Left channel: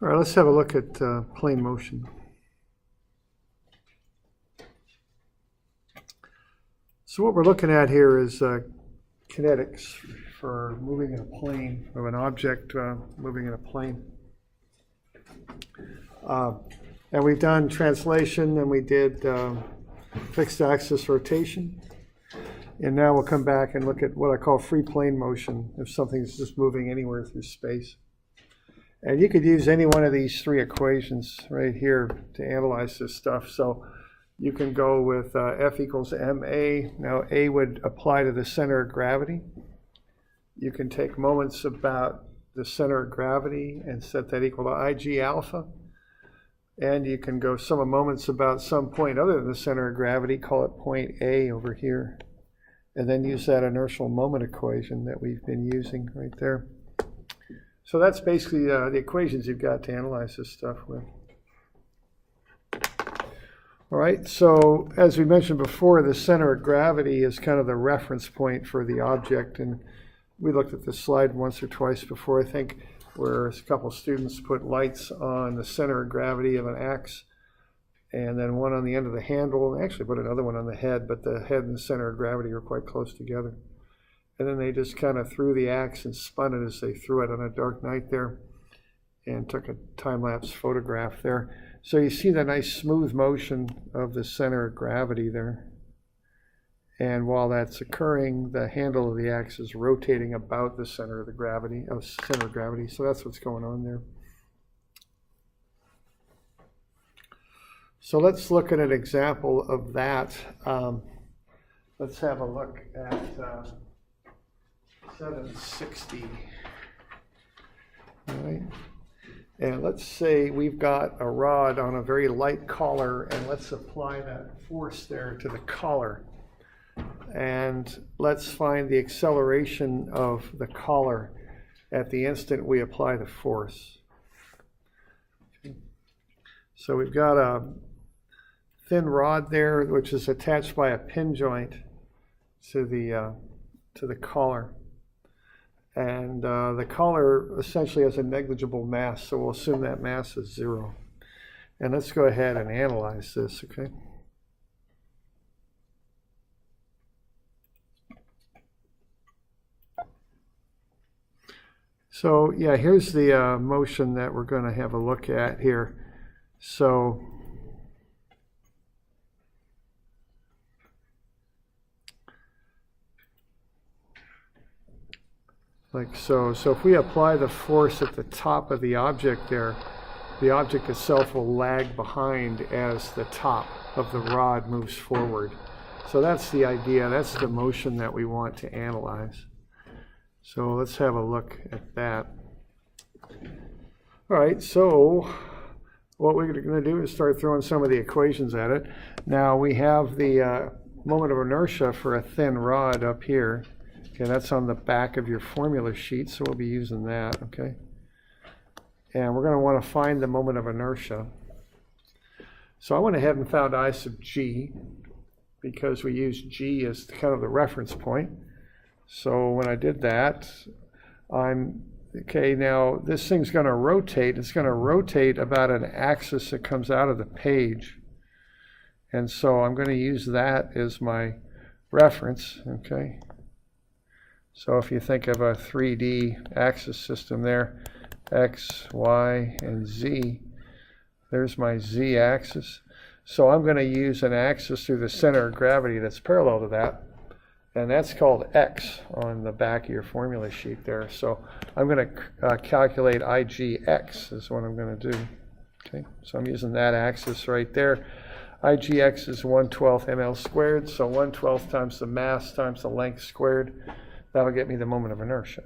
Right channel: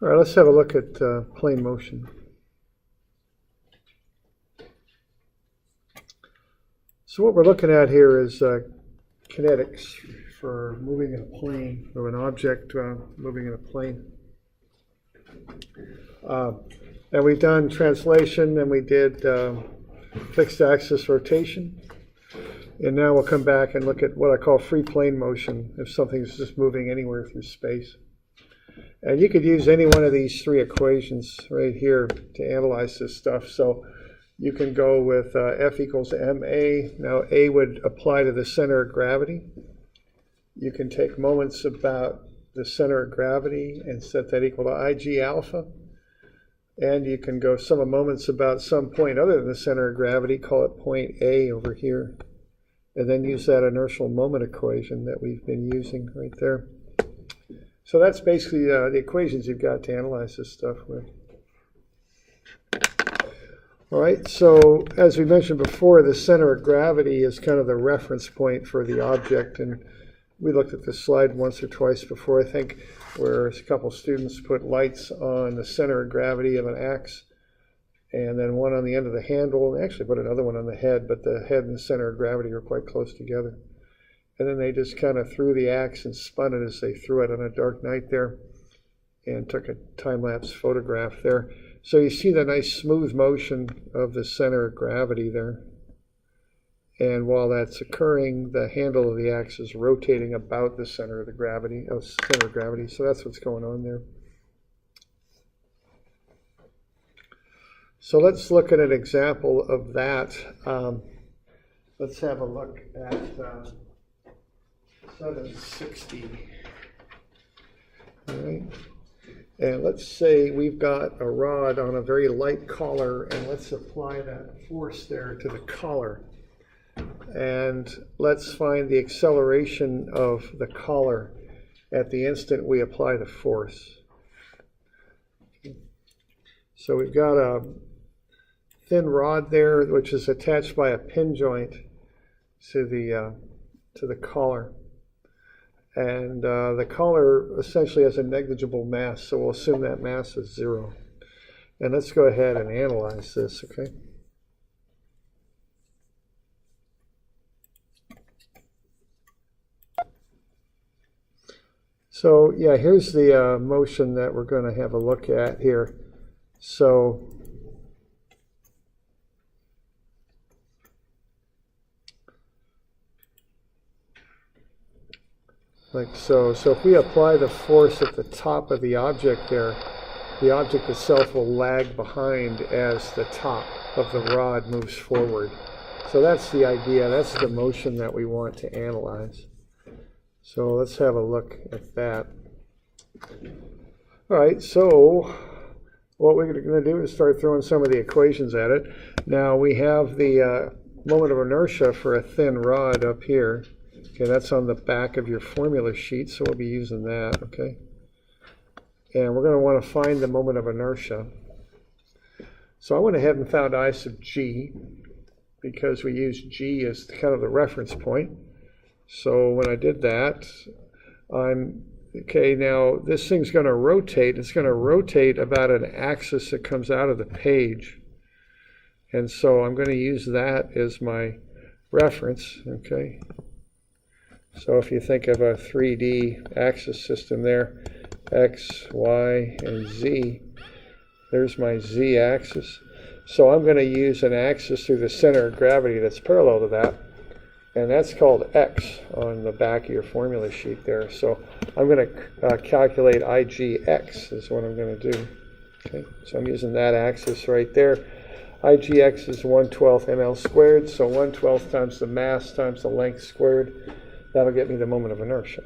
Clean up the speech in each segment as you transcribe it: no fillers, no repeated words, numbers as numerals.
All right, let's have a look at plane motion. So what we're looking at here is kinetics for moving in a plane, of an object moving in a plane. And we've done translation, and we did fixed axis rotation. And now we'll come back and look at what I call free plane motion, if something's just moving anywhere through space. And you could use any one of these three equations right here to analyze this stuff. So you can go with F equals ma. Now A would apply to the center of gravity. You can take moments about the center of gravity and set that equal to IG alpha. And you can go sum of moments about some point other than the center of gravity, call it point A over here. And then use that inertial moment equation that we've been using right there. So that's basically the equations you've got to analyze this stuff with. All right, so as we mentioned before, the center of gravity is kind of the reference point for the object. And we looked at this slide once or twice before, I think, where a couple students put lights on the center of gravity of an axe, and then one on the end of the handle. They actually put another one on the head, but the head and the center of gravity are quite close together. And then they just kind of threw the axe and spun it as they threw it on a dark night there, and took a time-lapse photograph there. So you see the nice smooth motion of the center of gravity there. And while that's occurring, the handle of the axe is rotating about the center of the gravity, So that's what's going on there. So let's look at an example of that. Let's have a look at 760. All right. And let's say we've got a rod on a very light collar, and let's apply that force there to the collar. And let's find the acceleration of the collar at the instant we apply the force. So we've got a thin rod there, which is attached by a pin joint to the collar. And the collar essentially has a negligible mass, so we'll assume that mass is 0. And let's go ahead and analyze this, okay? So yeah, here's the motion that we're going to have a look at here. So so if we apply the force at the top of the object there, the object itself will lag behind as the top of the rod moves forward. So that's the idea, that's the motion that we want to analyze. So let's have a look at that. All right, so what we're going to do is start throwing some of the equations at it. Now we have the moment of inertia for a thin rod up here. Okay, that's on the back of your formula sheet, so we'll be using that, okay? And we're going to want to find the moment of inertia. So I went ahead and found I sub g, because we use g as kind of the reference point. So when I did that, okay, now this thing's going to rotate. It's going to rotate about an axis that comes out of the page. And so I'm going to use that as my reference, okay? So if you think of a 3D axis system there, X, Y, and Z, there's my Z axis. So I'm going to use an axis through the center of gravity that's parallel to that, and that's called X on the back of your formula sheet there. So I'm going to calculate IGX is what I'm going to do. Okay, so I'm using that axis right there. IGX is 1/12 ml squared, so 1/12 times the mass times the length squared. That'll get me the moment of inertia.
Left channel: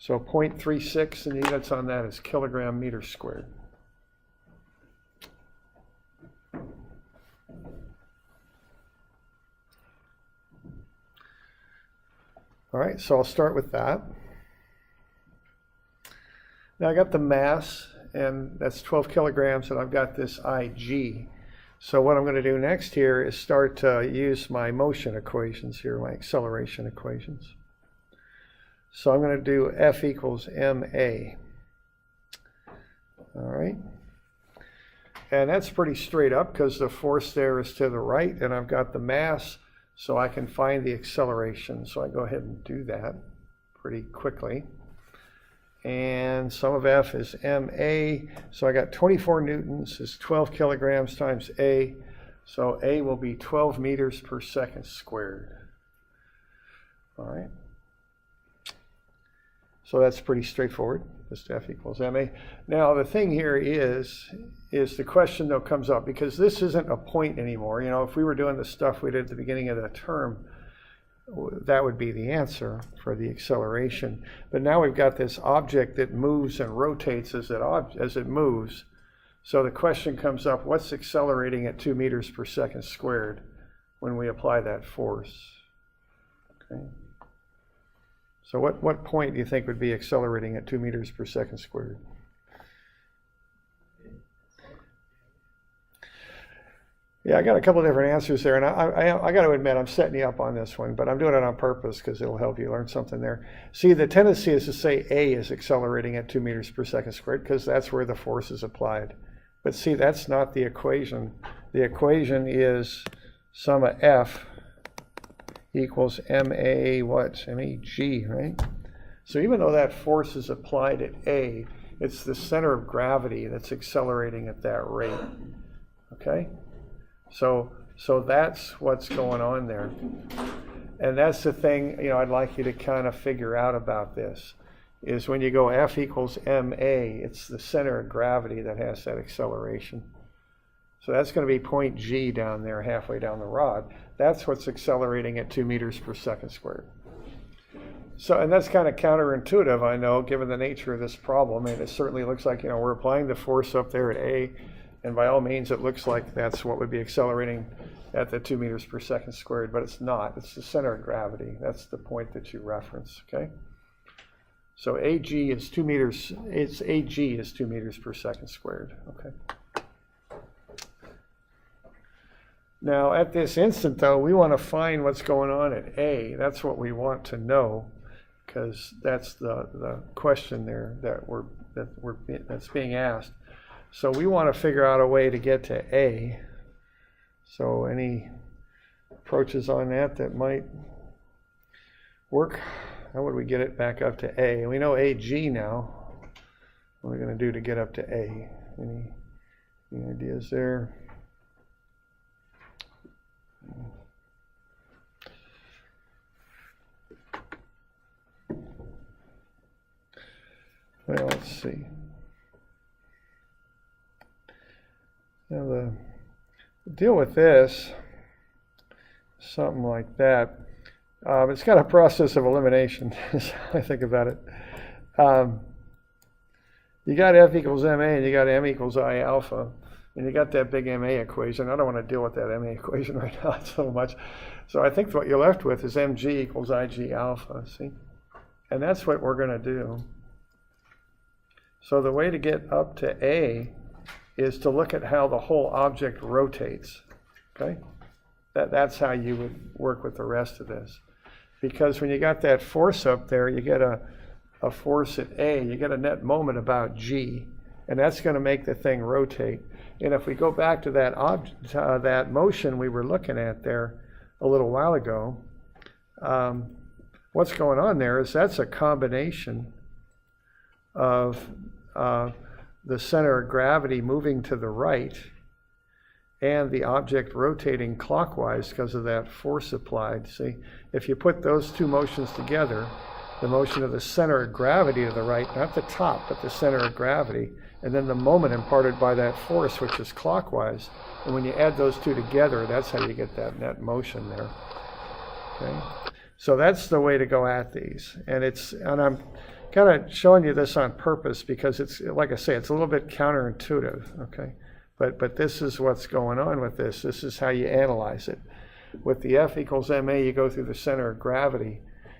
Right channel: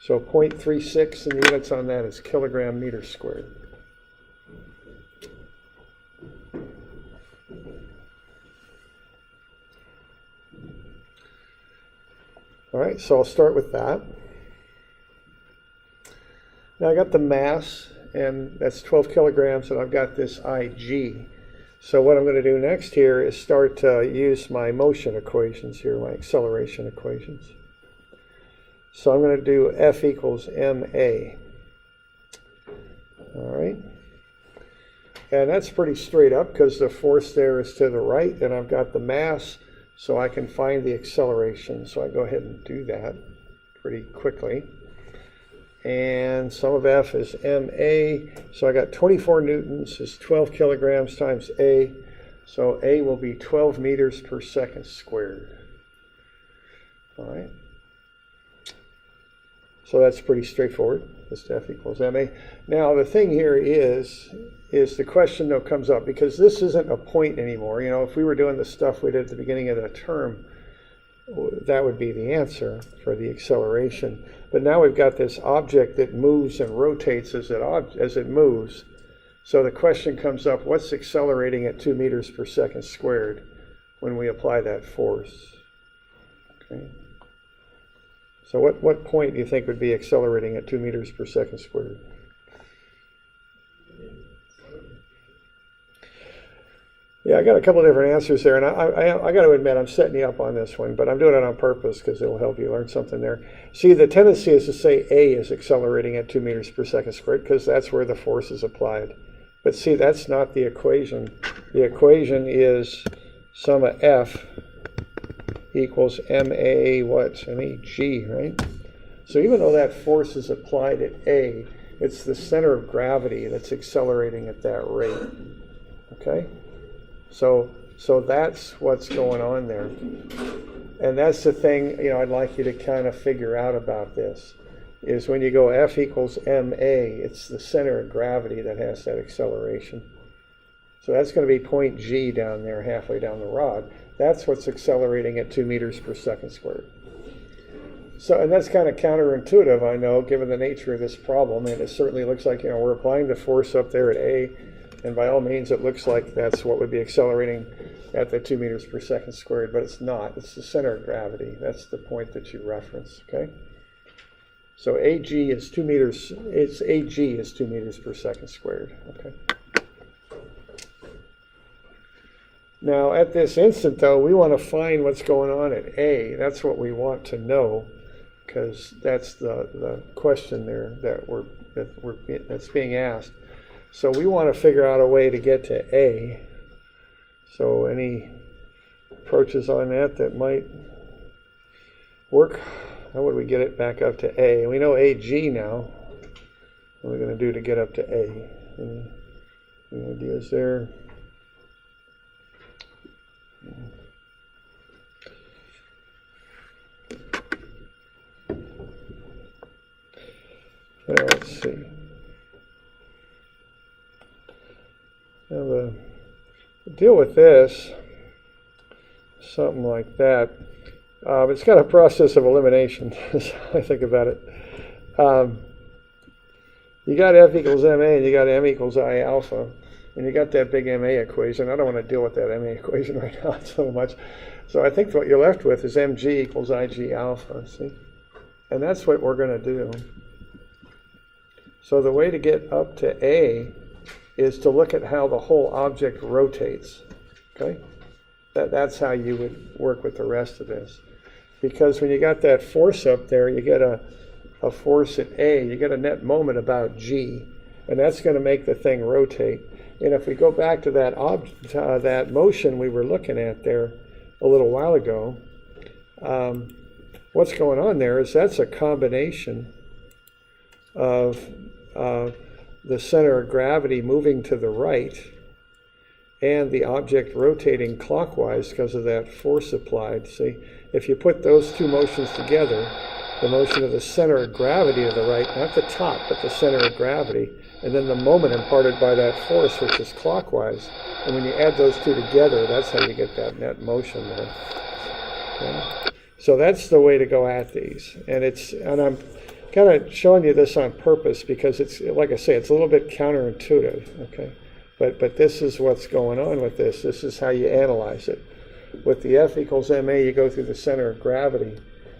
So 0.36, and the units on that is kilogram meter squared. All right, so I'll start with that. Now I got the mass, and that's 12 kilograms, and I've got this IG. So what I'm going to do next here is start to use my motion equations here, my acceleration equations. So I'm going to do F equals ma. all right? And that's pretty straight up because the force there is to the right, and I've got the mass, so I can find the acceleration. So I go ahead and do that pretty quickly. And sum of F is ma, so I got 24 newtons is 12 kilograms times A, so A will be 12 meters per second squared. All right. So that's pretty straightforward, just F equals ma. Now the thing here is the question though comes up, because this isn't a point anymore. You know, if we were doing the stuff we did at the beginning of the term, that would be the answer for the acceleration. But now we've got this object that moves and rotates as it moves. So the question comes up, what's accelerating at 2 meters per second squared when we apply that force? Okay. So what point do you think would be accelerating at 2 meters per second squared? Yeah, I got a couple of different answers there, and I got to admit I'm setting you up on this one, but I'm doing it on purpose because it'll help you learn something there. See, the tendency is to say A is accelerating at 2 meters per second squared because that's where the force is applied. But see, that's not the equation. The equation is sum of F equals ma what? Mag, right? So even though that force is applied at A, it's the center of gravity that's accelerating at that rate. Okay? So that's what's going on there. And that's the thing, you know, I'd like you to kind of figure out about this, is when you go F equals ma, it's the center of gravity that has that acceleration. So that's going to be point G down there, halfway down the rod. That's what's accelerating at 2 meters per second squared. So, and that's kind of counterintuitive, I know, given the nature of this problem. And it certainly looks like, you know, we're applying the force up there at A, and by all means, it looks like that's what would be accelerating at the 2 meters per second squared, but it's not. It's the center of gravity. That's the point that you reference, okay? So AG is 2 meters, AG is 2 meters per second squared, okay? Now, at this instant, though, we want to find what's going on at A. That's what we want to know, because that's the question there that's being asked. So we want to figure out a way to get to A. So any approaches on that might work? How would we get it back up to A? We know AG now. What are we going to do to get up to A? Any ideas there? Now let's see. Now the deal with this, something like that. It's kind of a process of elimination, is how I think about it. You got F equals ma, and you got m equals I alpha. And you got that big ma equation. I don't want to deal with that ma equation right now so much. So I think what you're left with is mg equals ig alpha, see? And that's what we're going to do. So the way to get up to A is to look at how the whole object rotates, okay? That's how you would work with the rest of this. Because when you got that force up there, you get a force at A, you get a net moment about g, and that's going to make the thing rotate. And if we go back to that motion we were looking at there a little while ago, what's going on there is that's a combination of the center of gravity moving to the right and the object rotating clockwise because of that force applied. See, if you put those two motions together, the motion of the center of gravity to the right, not the top, but the center of gravity, and then the moment imparted by that force, which is clockwise. And when you add those two together, that's how you get that net motion there. Okay. So that's the way to go at these. And I'm kind of showing you this on purpose because it's, like I say, it's a little bit counterintuitive, okay? But this is what's going on with this. This is how you analyze it. With the F equals ma, you go through the center of gravity.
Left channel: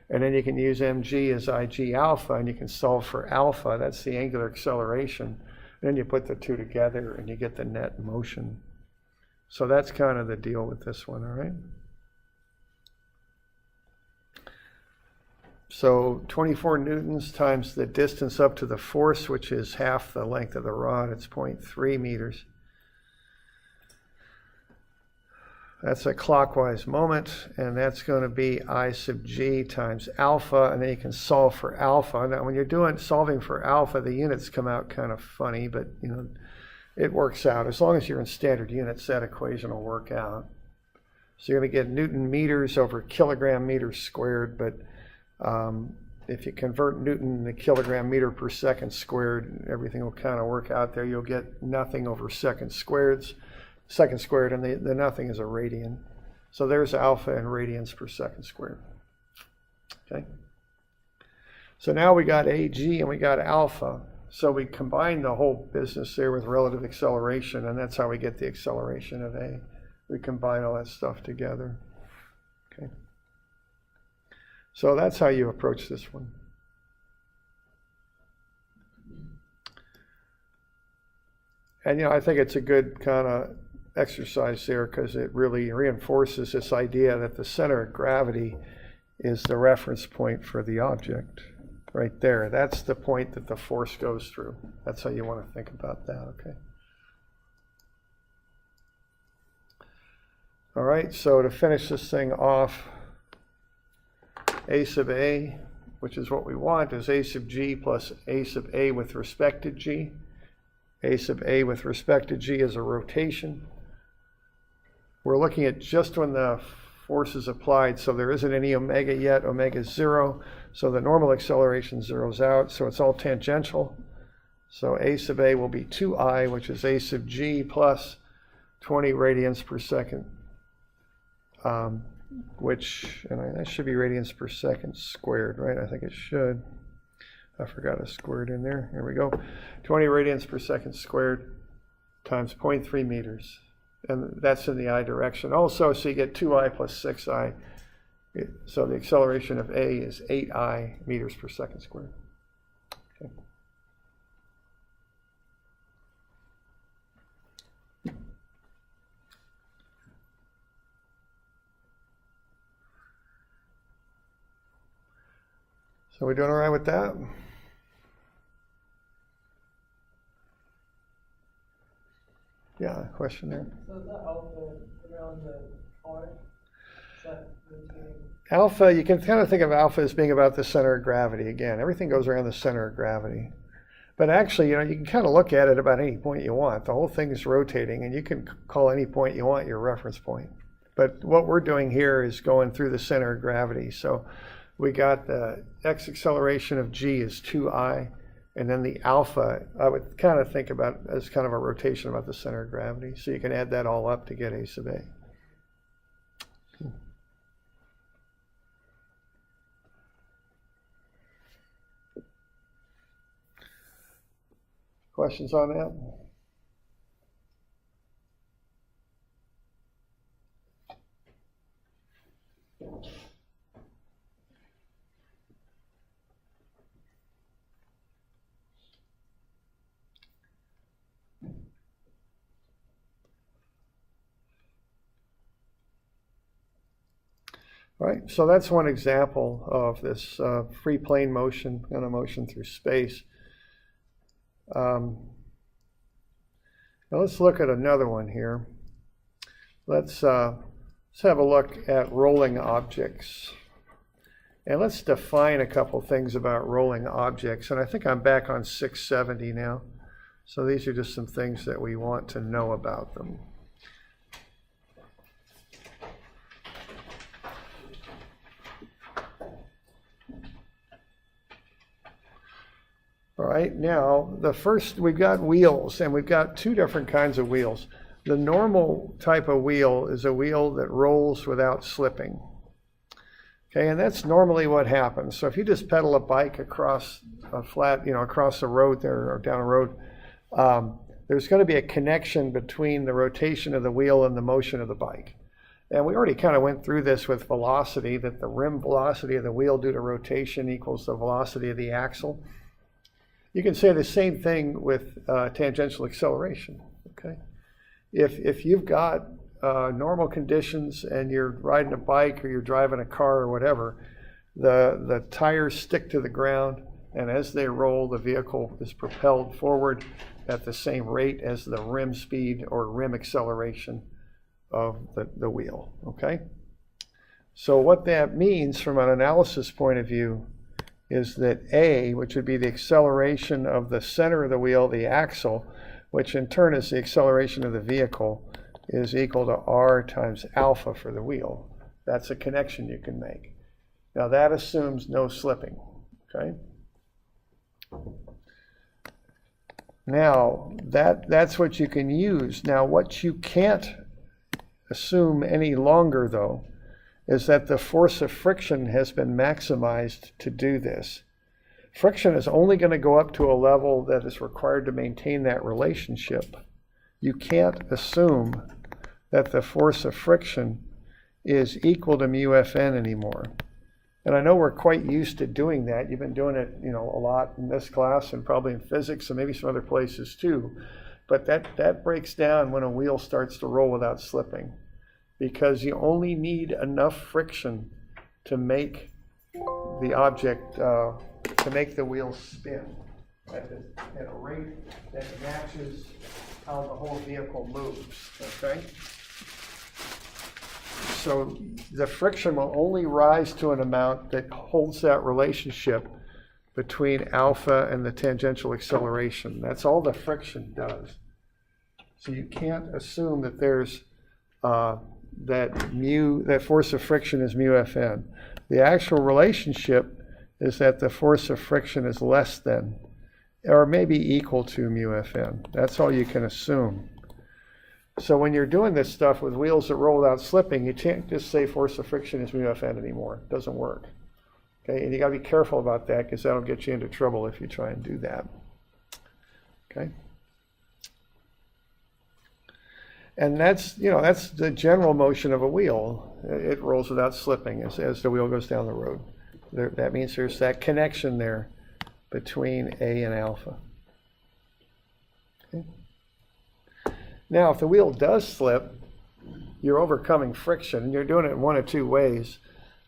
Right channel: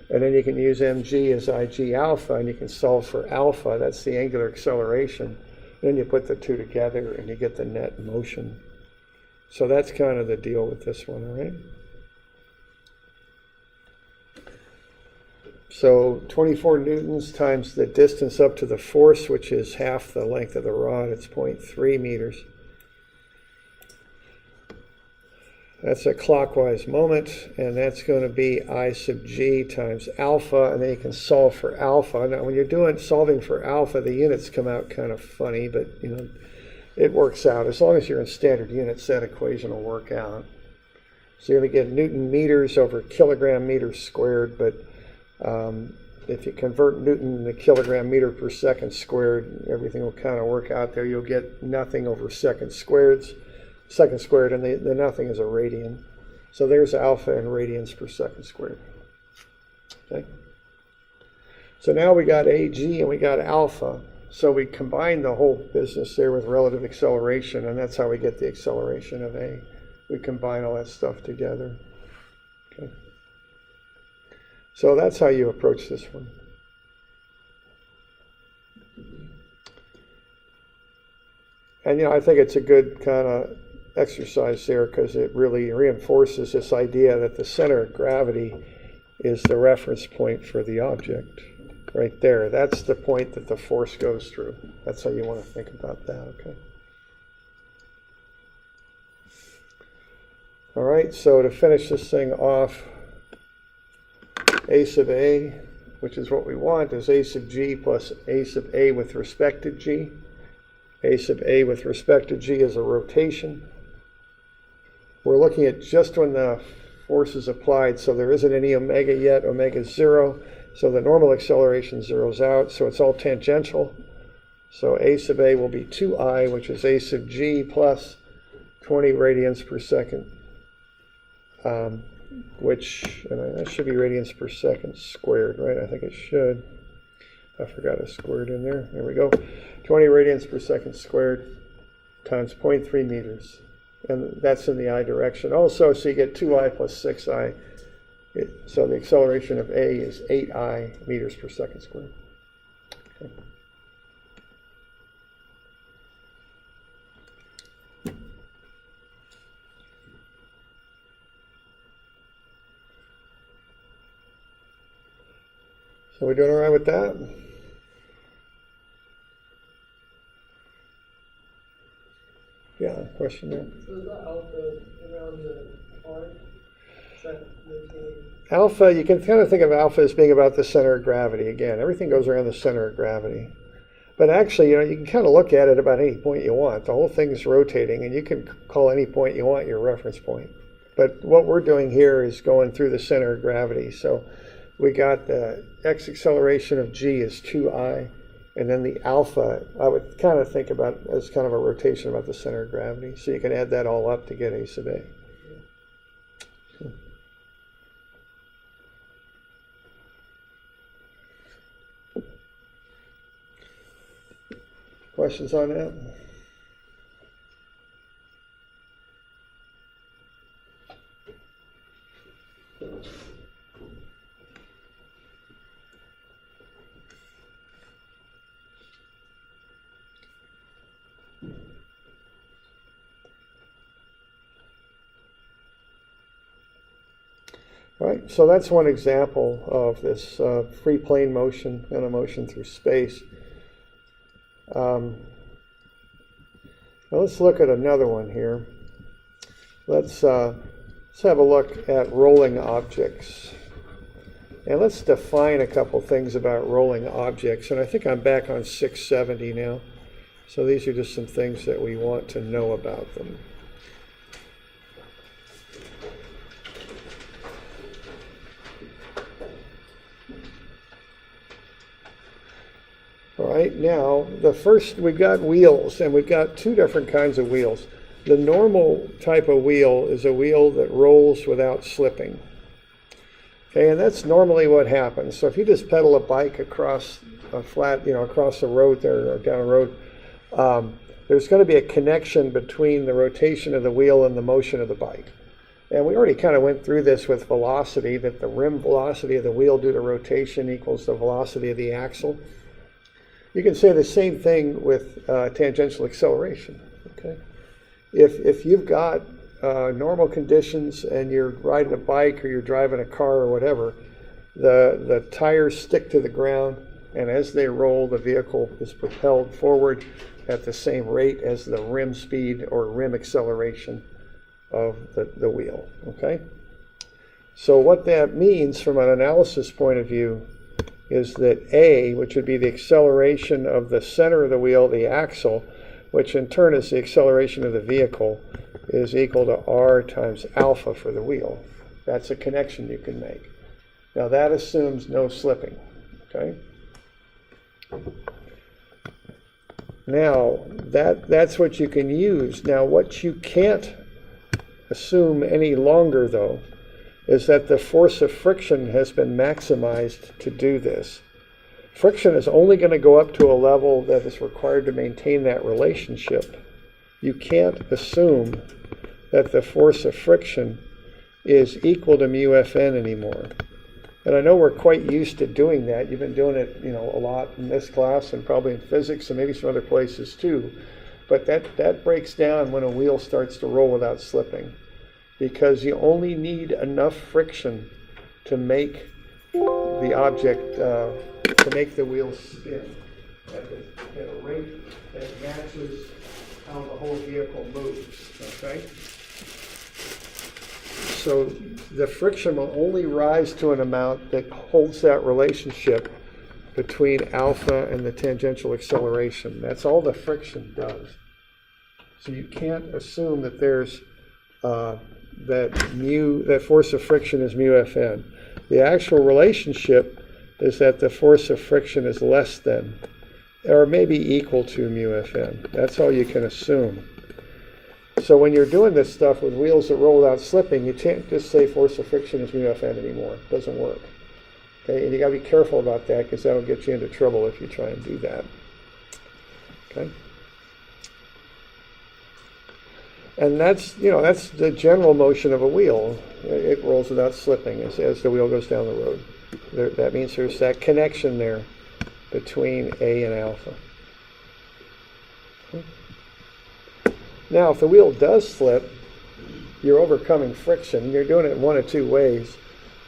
And then you can use mg as ig alpha, and you can solve for alpha. That's the angular acceleration. Then you put the two together, and you get the net motion. So that's kind of the deal with this one, all right? So 24 newtons times the distance up to the force, which is half the length of the rod, it's 0.3 meters. That's a clockwise moment, and that's going to be I sub g times alpha, and then you can solve for alpha. Now, when you're solving for alpha, the units come out kind of funny, but it works out. As long as you're in standard units, that equation will work out. So you're going to get Newton meters over kilogram meters squared, but if you convert Newton to kilogram meter per second squared, everything will kind of work out there. You'll get nothing over second squared, and the nothing is a radian. So there's alpha in radians per second squared. Okay. So now we got AG and we got alpha. So we combine the whole business there with relative acceleration, and that's how we get the acceleration of A. We combine all that stuff together. Okay. So that's how you approach this one. And I think it's a good kind of exercise there because it really reinforces this idea that the center of gravity is the reference point for the object. Right there. That's the point that the force goes through. That's how you want to think about that, okay? All right, so to finish this thing off, A sub A, which is what we want, is A sub G plus A sub A with respect to G. A sub A with respect to G is a rotation. We're looking at just when the force is applied, so there isn't any omega yet. Omega is 0, so the normal acceleration zeroes out, so it's all tangential. So A sub A will be 2I, which is A sub G plus 20 radians per second, and that should be radians per second squared, right? I think it should. I forgot a squared in there. There we go. 20 radians per second squared times 0.3 meters. And that's in the I direction. Also, so you get 2I plus 6I. So the acceleration of A is 8I meters per second squared. Okay. So we doing all right with that? Yeah, question there. So is that alpha around the R? Is that rotating? Alpha, you can kind of think of alpha as being about the center of gravity. Again, everything goes around the center of gravity. But actually, you can kind of look at it about any point you want. The whole thing is rotating, and you can call any point you want your reference point. But what we're doing here is going through the center of gravity. So we got the x acceleration of g is 2I. And then the alpha, I would kind of think about as kind of a rotation about the center of gravity. So you can add that all up to get A sub A. Questions on that? Right, so that's one example of this free plane motion, kind of motion through space. Now let's look at another one here. Let's have a look at rolling objects. And let's define a couple things about rolling objects. And I think I'm back on 670 now. So these are just some things that we want to know about them. All right, now the first, we've got wheels, and we've got two different kinds of wheels. The normal type of wheel is a wheel that rolls without slipping. Okay, and that's normally what happens. So if you just pedal a bike across a flat, across the road there or down a road, there's going to be a connection between the rotation of the wheel and the motion of the bike. And we already kind of went through this with velocity, that the rim velocity of the wheel due to rotation equals the velocity of the axle. You can say the same thing with tangential acceleration. Okay, if you've got normal conditions and you're riding a bike or you're driving a car or whatever, the tires stick to the ground, and as they roll, the vehicle is propelled forward at the same rate as the rim speed or rim acceleration of the wheel, okay? So what that means from an analysis point of view is that A, which would be the acceleration of the center of the wheel, the axle, which in turn is the acceleration of the vehicle, is equal to R times alpha for the wheel. That's a connection you can make. Now that assumes no slipping, okay? Now that's what you can use. Now what you can't assume any longer though is that the force of friction has been maximized to do this. Friction is only going to go up to a level that is required to maintain that relationship. You can't assume that the force of friction is equal to mu Fn anymore. And I know we're quite used to doing that. You've been doing it, a lot in this class and probably in physics and maybe some other places too. But that breaks down when a wheel starts to roll without slipping, because you only need enough friction to make the object, to make the wheel spin at a rate that matches how the whole vehicle moves, okay? So the friction will only rise to an amount that holds that relationship between alpha and the tangential acceleration. That's all the friction does. So you can't assume that there's that force of friction is mu Fn. The actual relationship is that the force of friction is less than, or maybe equal to mu Fn. That's all you can assume. So when you're doing this stuff with wheels that roll without slipping, you can't just say force of friction is mu Fn anymore. It doesn't work. Okay, and you got to be careful about that, because that'll get you into trouble if you try and do that. Okay. And that's the general motion of a wheel. It rolls without slipping as the wheel goes down the road. That means there's that connection there between A and alpha. Now, if the wheel does slip, you're overcoming friction. You're doing it in one of two ways.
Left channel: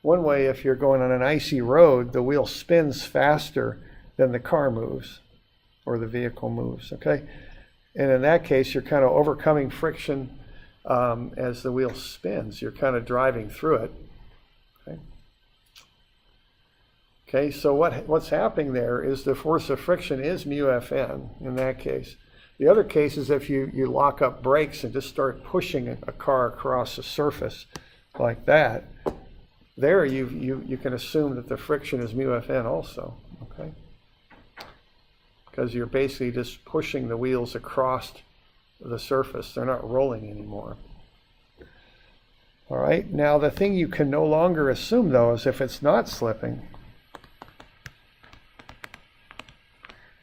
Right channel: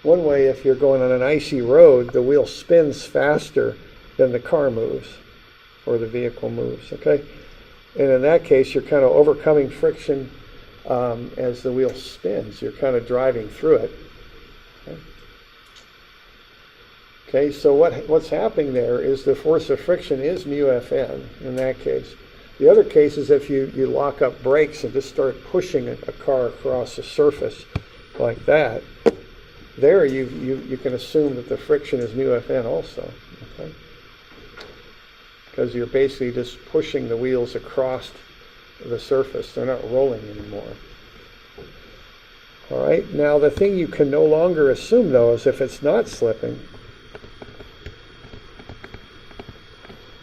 One way, if you're going on an icy road, the wheel spins faster than the car moves or the vehicle moves, okay? And in that case, you're kind of overcoming friction as the wheel spins. You're kind of driving through it. Okay, so what's happening there is the force of friction is mu Fn in that case. The other case is if you lock up brakes and just start pushing a car across a surface like that. There you can assume that the friction is mu Fn also. Okay? Because you're basically just pushing the wheels across the surface. They're not rolling anymore. All right, now the thing you can no longer assume though is if it's not slipping,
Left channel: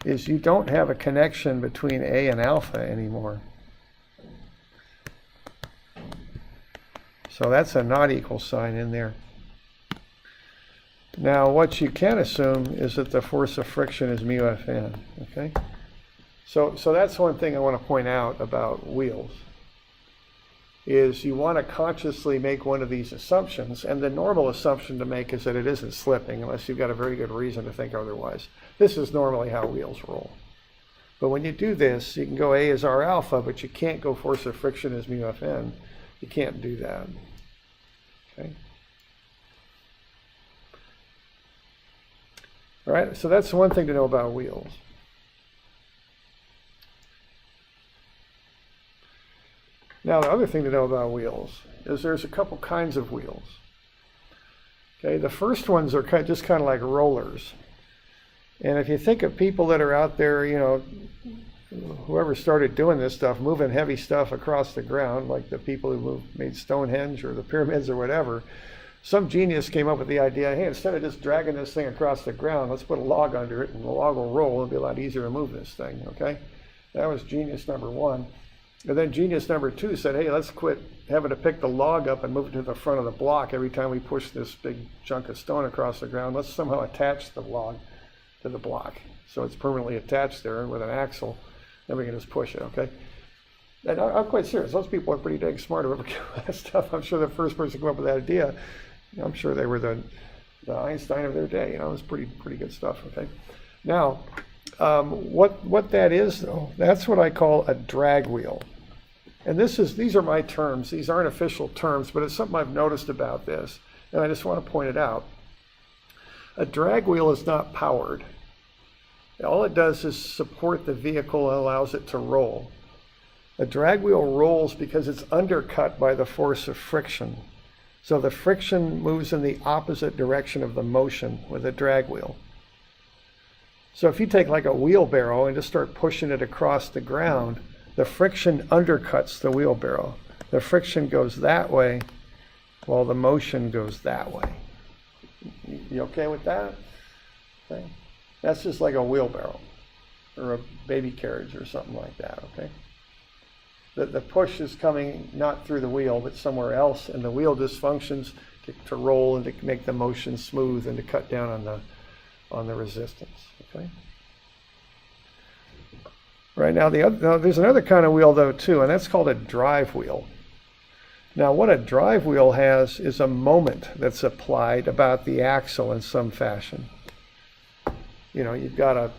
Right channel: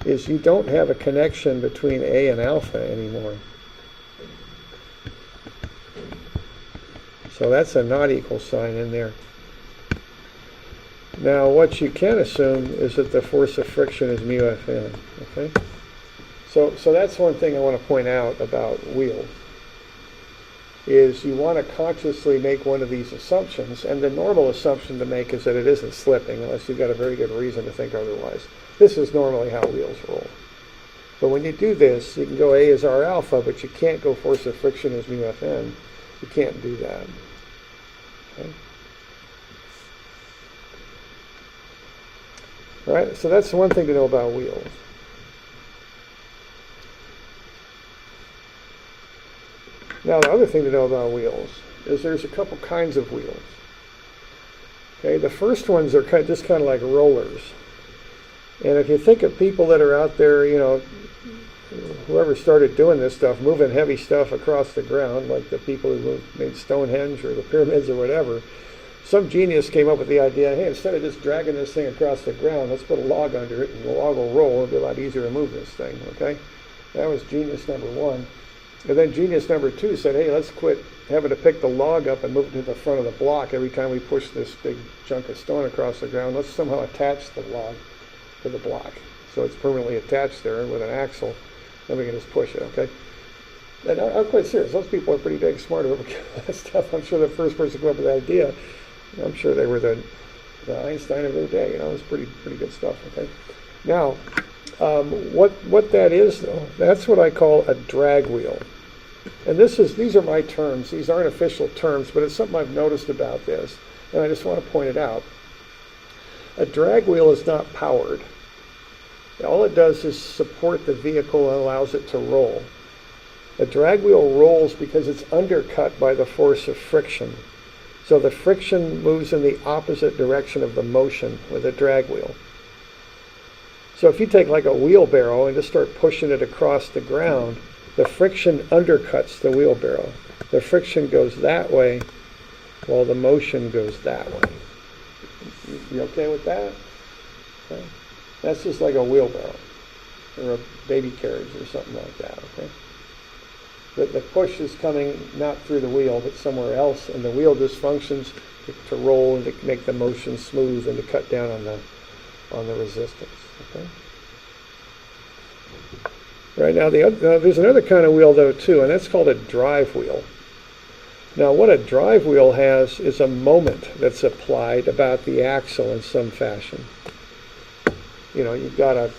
is you don't have a connection between A and alpha anymore. So that's a not equal sign in there. Now what you can assume is that the force of friction is mu Fn, okay? So that's one thing I want to point out about wheels, is you want to consciously make one of these assumptions, and the normal assumption to make is that it isn't slipping unless you've got a very good reason to think otherwise. This is normally how wheels roll. But when you do this, you can go A is R alpha, but you can't go force of friction is mu Fn. You can't do that. Okay? All right, so that's one thing to know about wheels. Now, the other thing to know about wheels is there's a couple kinds of wheels. Okay, the first ones are just kind of like rollers. And if you think of people that are out there, whoever started doing this stuff, moving heavy stuff across the ground, like the people who made Stonehenge or the pyramids or whatever, some genius came up with the idea, hey, instead of just dragging this thing across the ground, let's put a log under it and the log will roll. It'll be a lot easier to move this thing, okay? That was genius number one. And then genius number two said, hey, let's quit having to pick the log up and move it to the front of the block every time we push this big chunk of stone across the ground. Let's somehow attach the log to the block so it's permanently attached there with an axle. Then we can just push it, okay? And I'm quite serious. Those people are pretty dang smart whoever came up with that stuff. I'm sure the first person who came up with that idea, I'm sure they were the the Einstein of their day. You know, it was pretty good stuff. Okay. Now, what that is though, that's what I call a drag wheel. And these are my terms. These aren't official terms, but it's something I've noticed about this, and I just want to point it out. A drag wheel is not powered. All it does is support the vehicle and allows it to roll. A drag wheel rolls because it's undercut by the force of friction. So the friction moves in the opposite direction of the motion with a drag wheel. So if you take like a wheelbarrow and just start pushing it across the ground, the friction undercuts the wheelbarrow. The friction goes that way while the motion goes that way. You okay with that? Okay. That's just like a wheelbarrow or a baby carriage or something like that, okay? The push is coming not through the wheel, but somewhere else, and the wheel just functions to roll and to make the motion smooth and to cut down on the resistance, okay? Right now, there's another kind of wheel though too, and that's called a drive wheel. Now, what a drive wheel has is a moment that's applied about the axle in some fashion. You know, you've got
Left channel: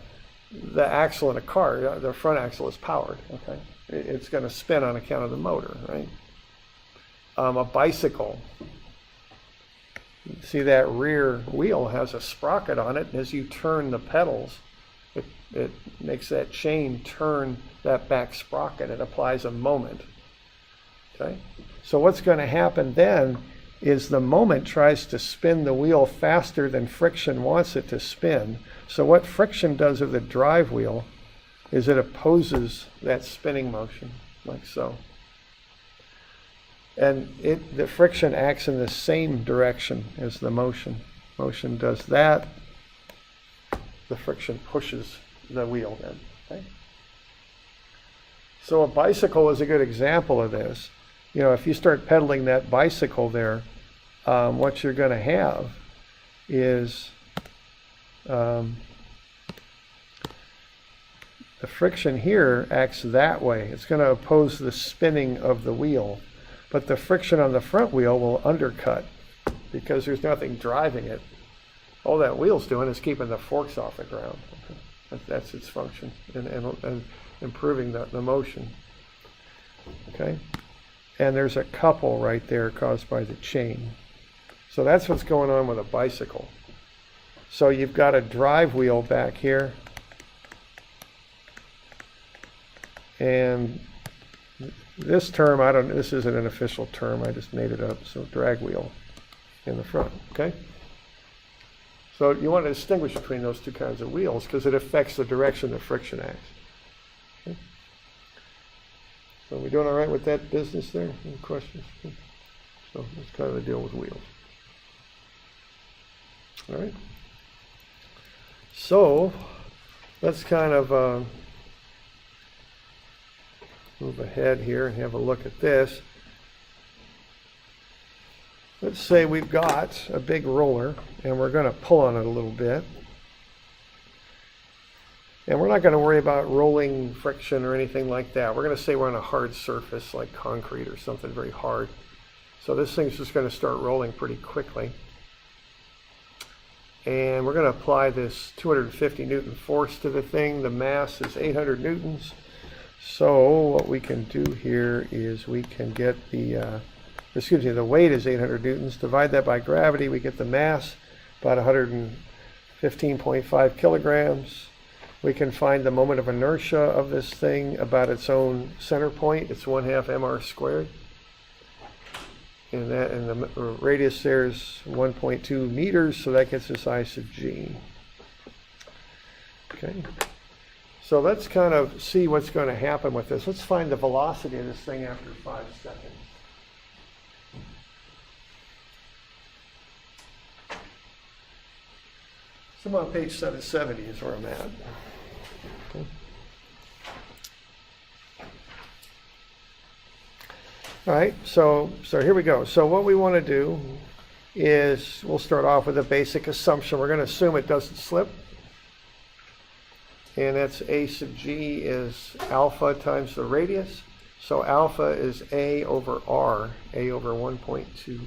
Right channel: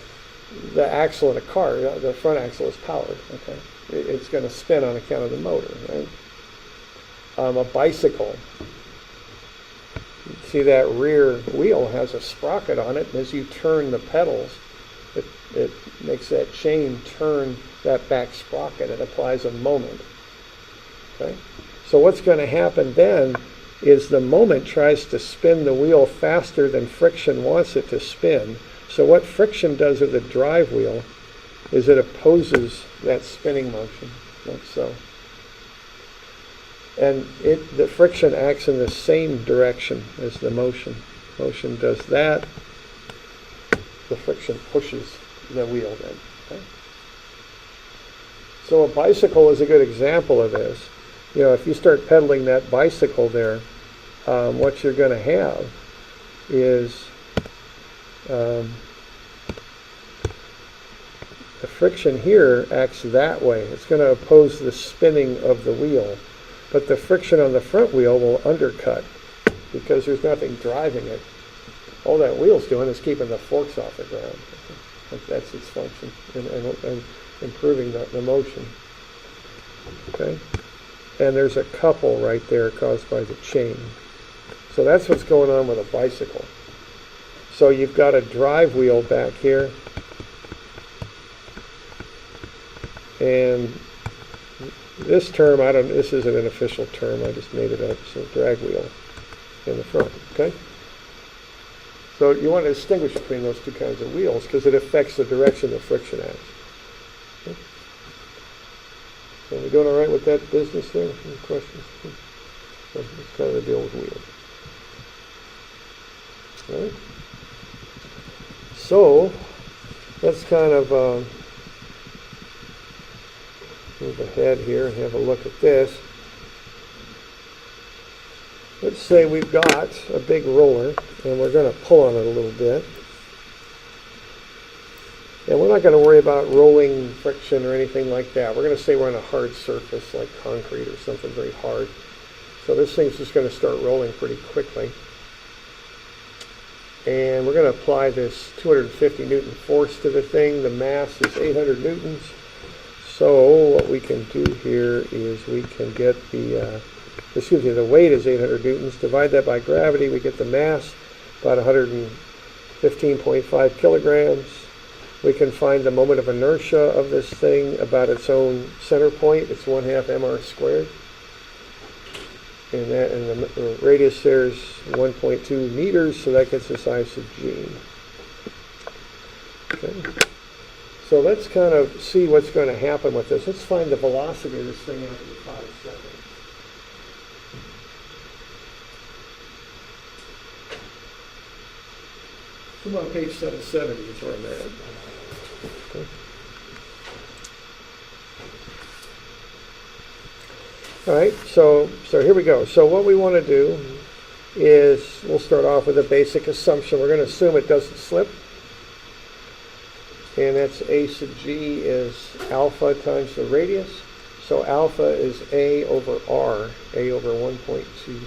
the axle in a car, the front axle is powered, okay? It's going to spin on account of the motor, right? A bicycle, you see that rear wheel has a sprocket on it, and as you turn the pedals, it makes that chain turn that back sprocket. It applies a moment, okay? So what's going to happen then is the moment tries to spin the wheel faster than friction wants it to spin. So what friction does with the drive wheel is it opposes that spinning motion, like so. And the friction acts in the same direction as the motion. Motion does that. The friction pushes the wheel then, okay? So a bicycle is a good example of this. You know, if you start pedaling that bicycle there, what you're going to have is the friction here acts that way. It's going to oppose the spinning of the wheel, but the friction on the front wheel will undercut because there's nothing driving it. All that wheel's doing is keeping the forks off the ground. That's its function, and improving the motion. Okay? And there's a couple right there caused by the chain. So that's what's going on with a bicycle. So you've got a drive wheel back here, and this term, this isn't an official term, I just made it up, so drag wheel in the front, okay? So you want to distinguish between those two kinds of wheels because it affects the direction the friction acts. Okay? So we doing all right with that business there? Any questions? So it's kind of the deal with wheels. All right. So let's kind of move ahead here and have a look at this. Let's say we've got a big roller and we're going to pull on it a little bit. And we're not going to worry about rolling friction or anything like that. We're going to say we're on a hard surface like concrete or something very hard. So this thing's just going to start rolling pretty quickly. And we're going to apply this 250 Newton force to the thing. The mass is 800 Newtons. So what we can do here is we can get the weight is 800 Newtons. Divide that by gravity, we get the mass, about 115.5 kilograms. We can find the moment of inertia of this thing about its own center point. It's 1/2 mr squared. And the radius there is 1.2 meters, so that gets us I sub g. Okay. So let's kind of see what's going to happen with this. Let's find the velocity of this thing after 5 seconds. So I'm on page 770 is where I'm at. Okay. All right, so here we go. So what we want to do is we'll start off with a basic assumption. We're going to assume it doesn't slip. And that's A sub g is alpha times the radius. So alpha is A over R, A over 1.2.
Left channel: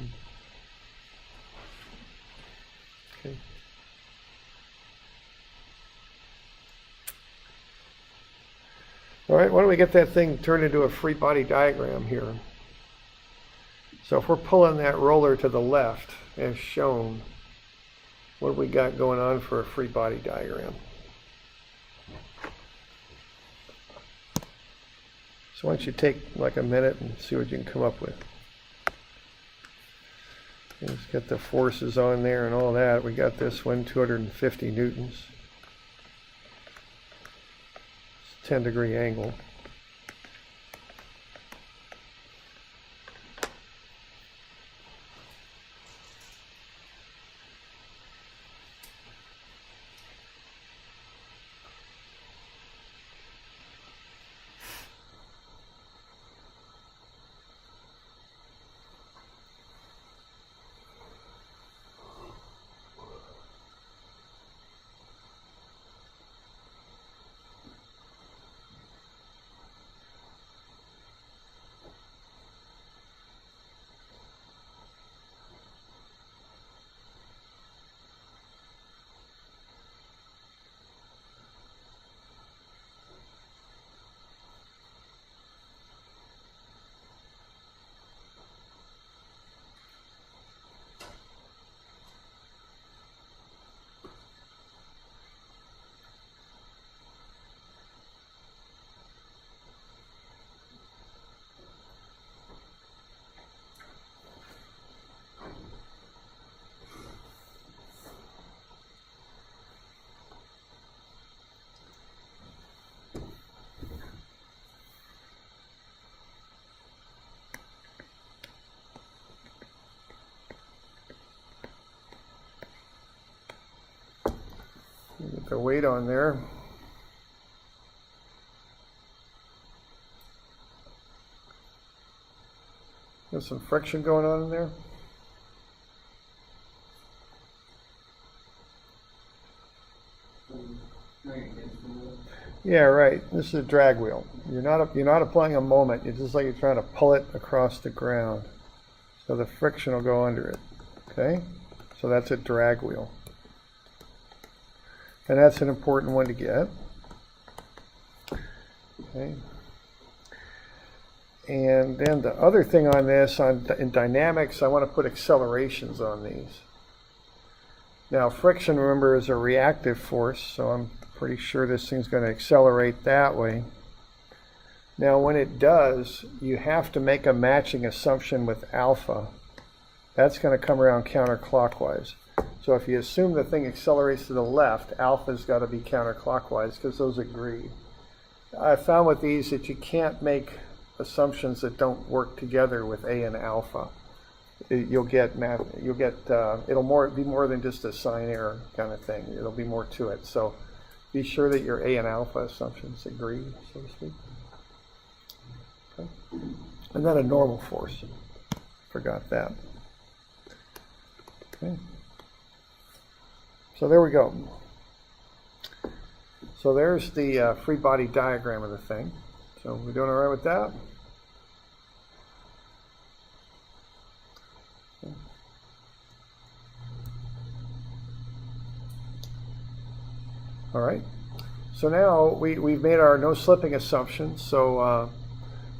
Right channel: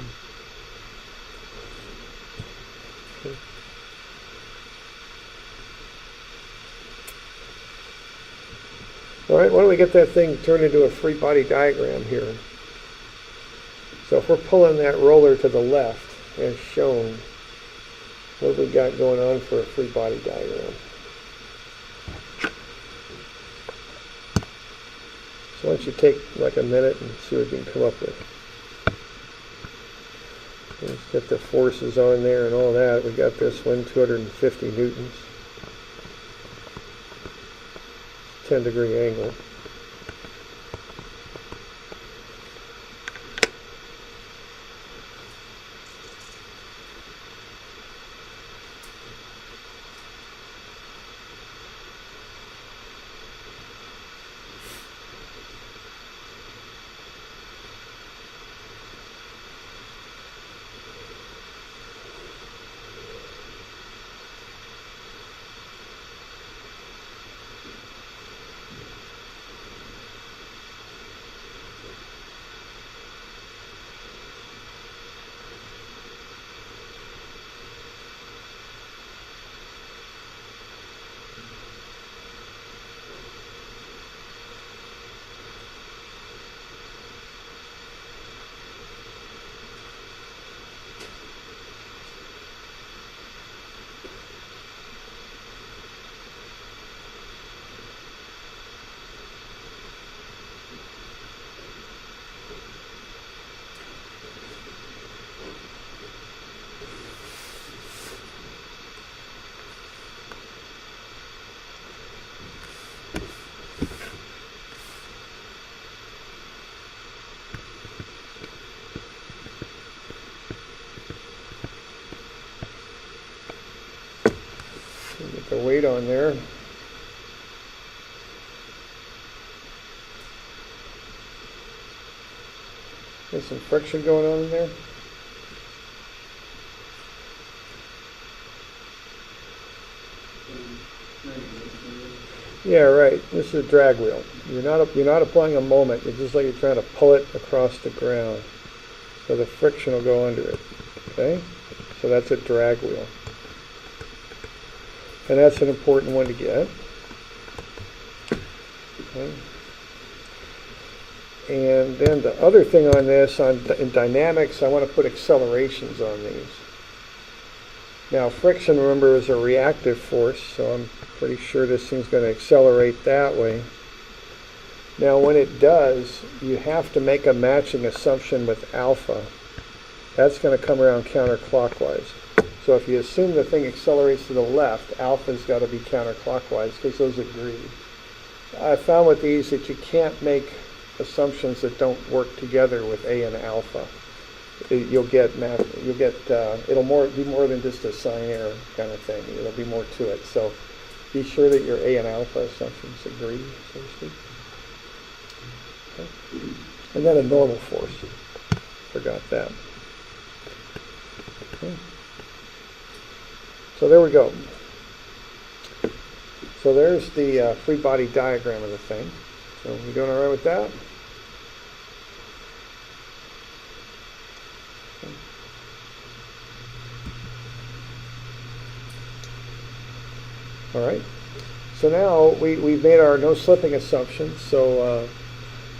All right, why don't we get that thing turned into a free body diagram here? So if we're pulling that roller to the left, as shown, what have we got going on for a free body diagram? So why don't you take like a minute and see what you can come up with. Let's get the forces on there and all that. We got this one, 250 newtons. 10-degree angle. Get the weight on there. There's some friction going on in there. Yeah, right. This is a drag wheel. You're not applying a moment. It's just like you're trying to pull it across the ground. So the friction will go under it. Okay? So that's a drag wheel. And that's an important one to get. Okay. And then the other thing on this, in dynamics, I want to put accelerations on these. Now friction, remember, is a reactive force, so I'm pretty sure this thing's going to accelerate that way. Now when it does, you have to make a matching assumption with alpha. That's going to come around counterclockwise. So if you assume the thing accelerates to the left, alpha's got to be counterclockwise because those agreed. I found with these that you can't make assumptions that don't work together with A and alpha. It'll be more than just a sign error kind of thing. It'll be more to it. So be sure that your A and alpha assumptions agree, so to speak. Okay. And then a normal force. Forgot that. Okay. So there we go. So there's the free body diagram of the thing. So we doing all right with that? Okay. All right. So now we've made our no slipping assumptions. So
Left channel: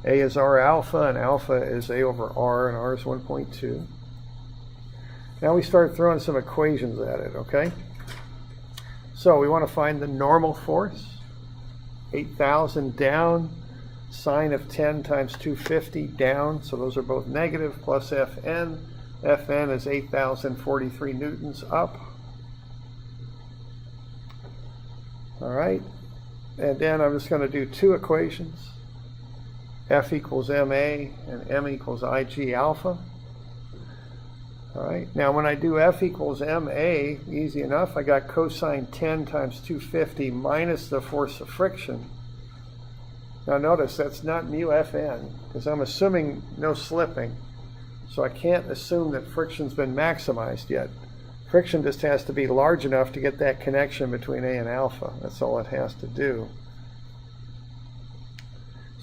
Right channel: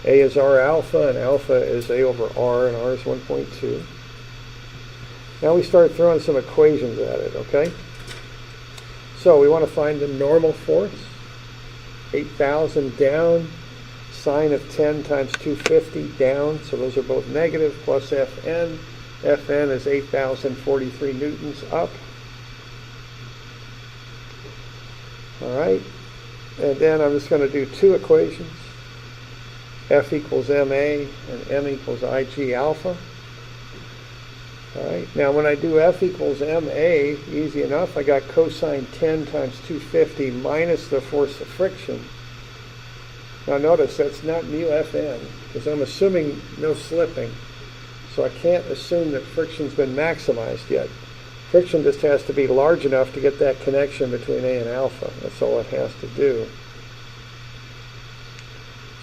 A is R alpha, and alpha is A over R, and R is 1.2. Now we start throwing some equations at it, okay? So we want to find the normal force, 8,000 down, sine of 10 times 250 down, so those are both negative, plus Fn. Fn is 8,043 newtons up. All right, and then I'm just going to do two equations. F equals ma and m equals ig alpha. All right, now when I do F equals ma, easy enough, I got cosine 10 times 250 minus the force of friction. Now notice that's not mu Fn, because I'm assuming no slipping. So I can't assume that friction's been maximized yet. Friction just has to be large enough to get that connection between A and alpha. That's all it has to do.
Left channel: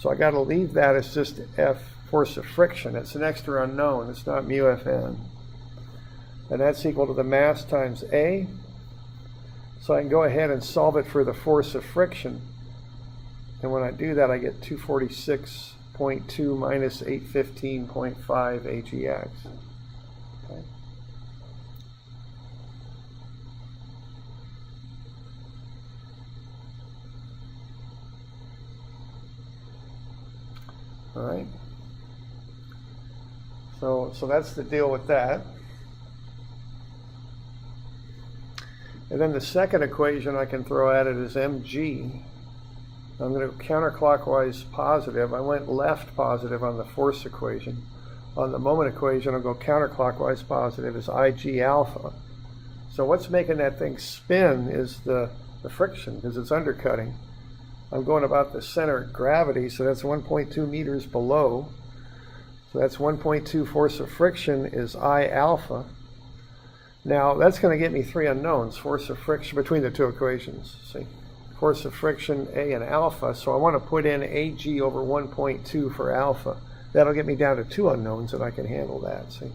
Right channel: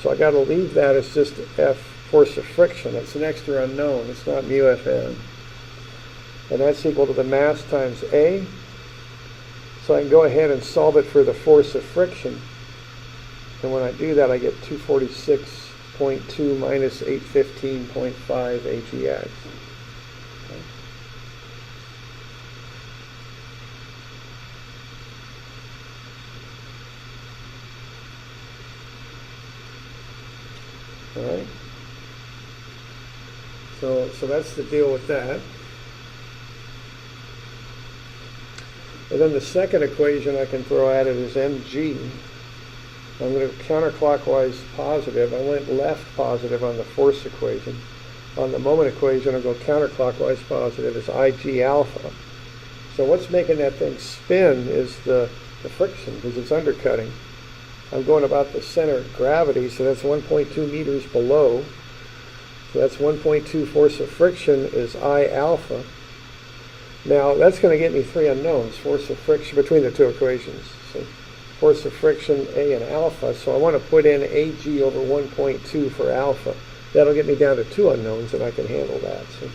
So I got to leave that as just F, force of friction. It's an extra unknown. It's not mu Fn. And that's equal to the mass times A. So I can go ahead and solve it for the force of friction. And when I do that, I get 246.2 minus 815.5 AGX. All right. So that's the deal with that. And then the second equation I can throw at it is mg. I'm going to counterclockwise positive. I went left positive on the force equation. On the moment equation, I'll go counterclockwise positive is Ig alpha. So what's making that thing spin is the friction, because it's undercutting. I'm going about the center of gravity, so that's 1.2 meters below. So that's 1.2 force of friction is I alpha. Now that's going to get me three unknowns, force of friction between the two equations. See? Force of friction A and alpha, so I want to put in Ag over 1.2 for alpha. That'll get me down to two unknowns, and I can handle that. See?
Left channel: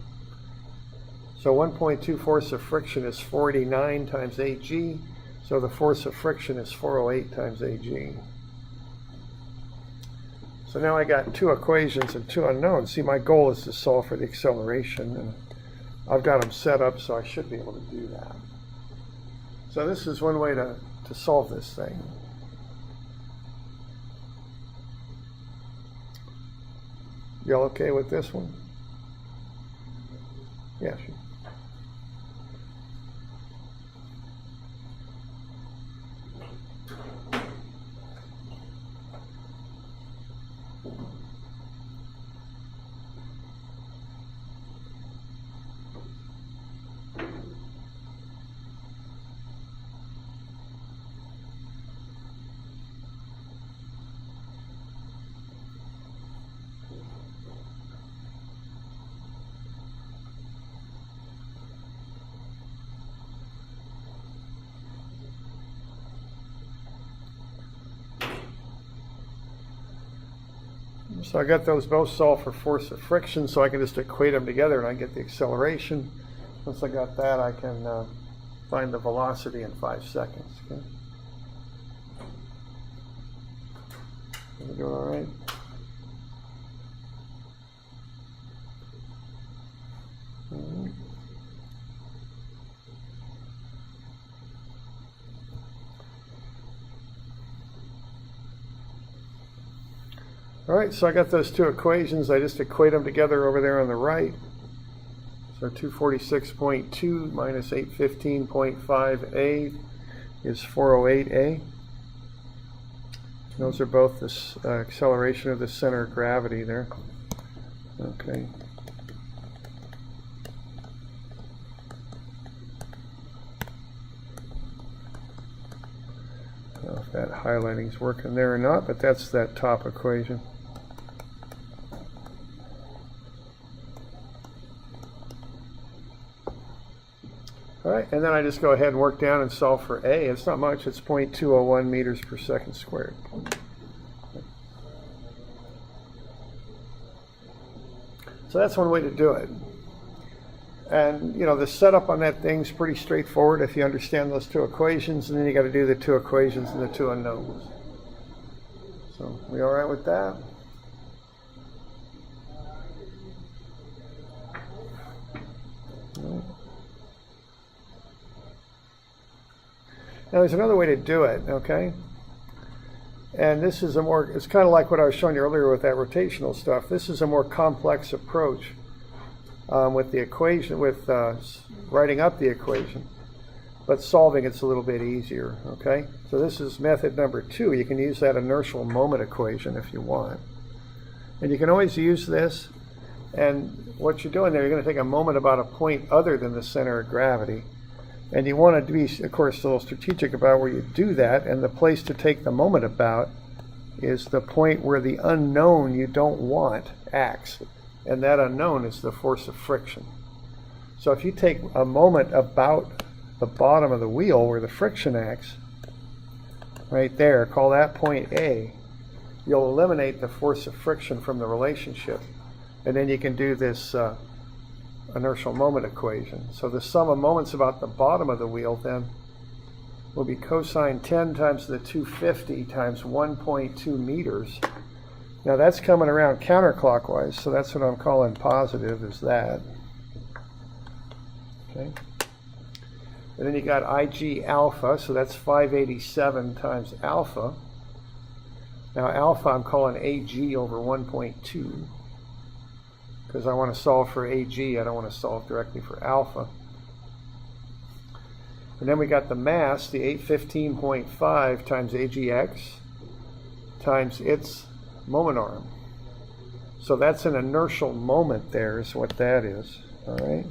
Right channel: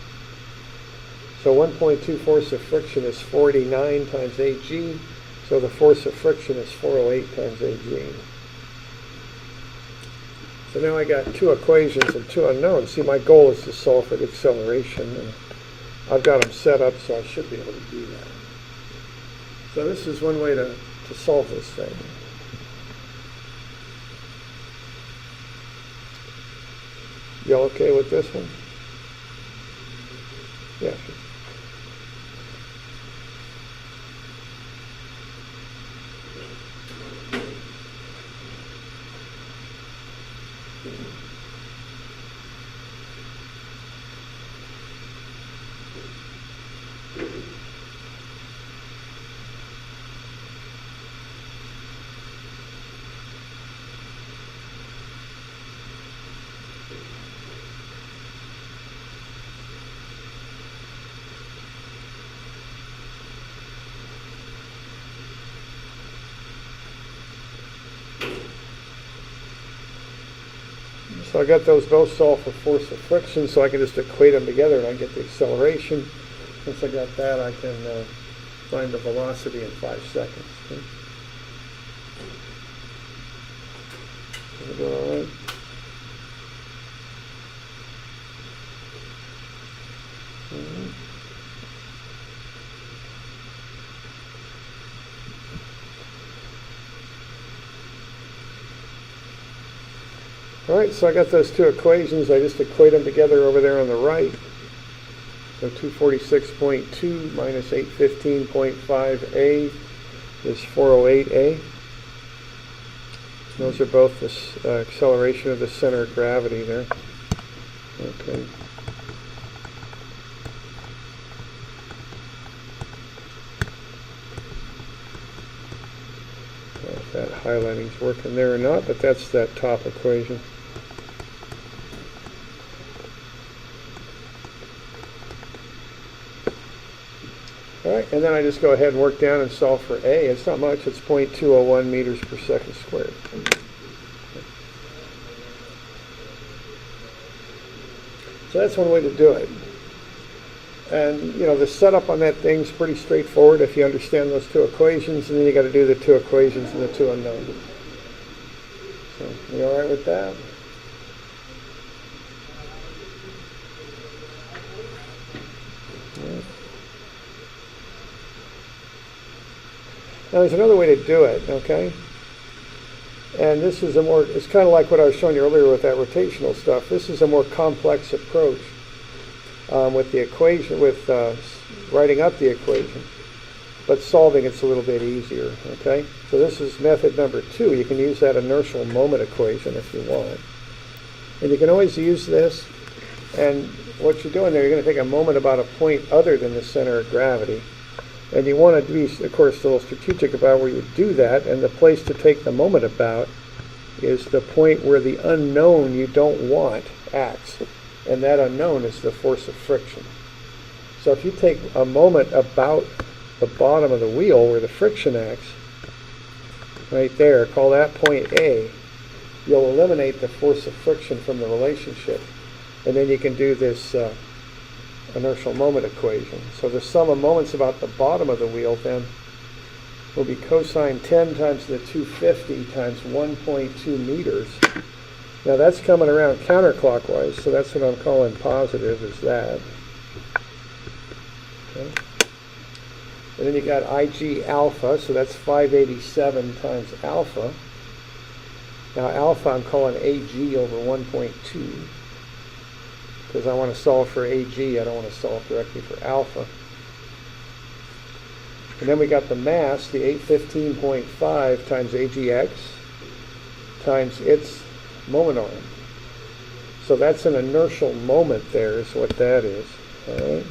So 1.2 force of friction is 489 times Ag, so the force of friction is 408 times Ag. So now I got two equations and two unknowns. See, my goal is to solve for the acceleration, and I've got them set up so I should be able to do that. So this is one way to solve this thing. You okay with this one? Yeah, sure. So I got those both solved for force of friction, so I can just equate them together and I get the acceleration. Once I got that, I can find the velocity in 5 seconds. Okay. Does it go all right? All right, so I got those two equations. I just equate them together over there on the right. So 246.2 minus 815.5a is 408a. Those are both the acceleration of the center of gravity there. Okay. I don't know if that highlighting's working there or not, but that's that top equation. All right, and then I just go ahead and work down and solve for A. It's not much, it's 0.201 meters per second squared. So that's one way to do it. And, you know, the setup on that thing's pretty straightforward if you understand those two equations, and then you got to do the two equations and the two unknowns. So, you all right with that? Now there's another way to do it, okay? And this is it's kind of like what I was showing you earlier with that rotational stuff. This is a more complex approach with the equation, with writing up the equation, but solving it's a little bit easier, okay? So this is method number 2. You can use that inertial moment equation if you want. And you can always use this, and what you're doing there, you're going to take a moment about a point other than the center of gravity. And you want to be, of course, a little strategic about where you do that, and the place to take the moment about is the point where the unknown you don't want acts, and that unknown is the force of friction. So if you take a moment about the bottom of the wheel where the friction acts, right there, call that point A, you'll eliminate the force of friction from the relationship, and then you can do this inertial moment equation. So the sum of moments about the bottom of the wheel then will be cosine 10 times the 250 times 1.2 meters. Now that's coming around counterclockwise, so that's what I'm calling positive, is that. Okay. And then you got IG alpha, so that's 587 times alpha. Now alpha I'm calling AG over 1.2, because I want to solve for AG, I don't want to solve directly for alpha. And then we got the mass, the 815.5 times AGX times its moment arm. So that's an inertial moment there is what that is. All right.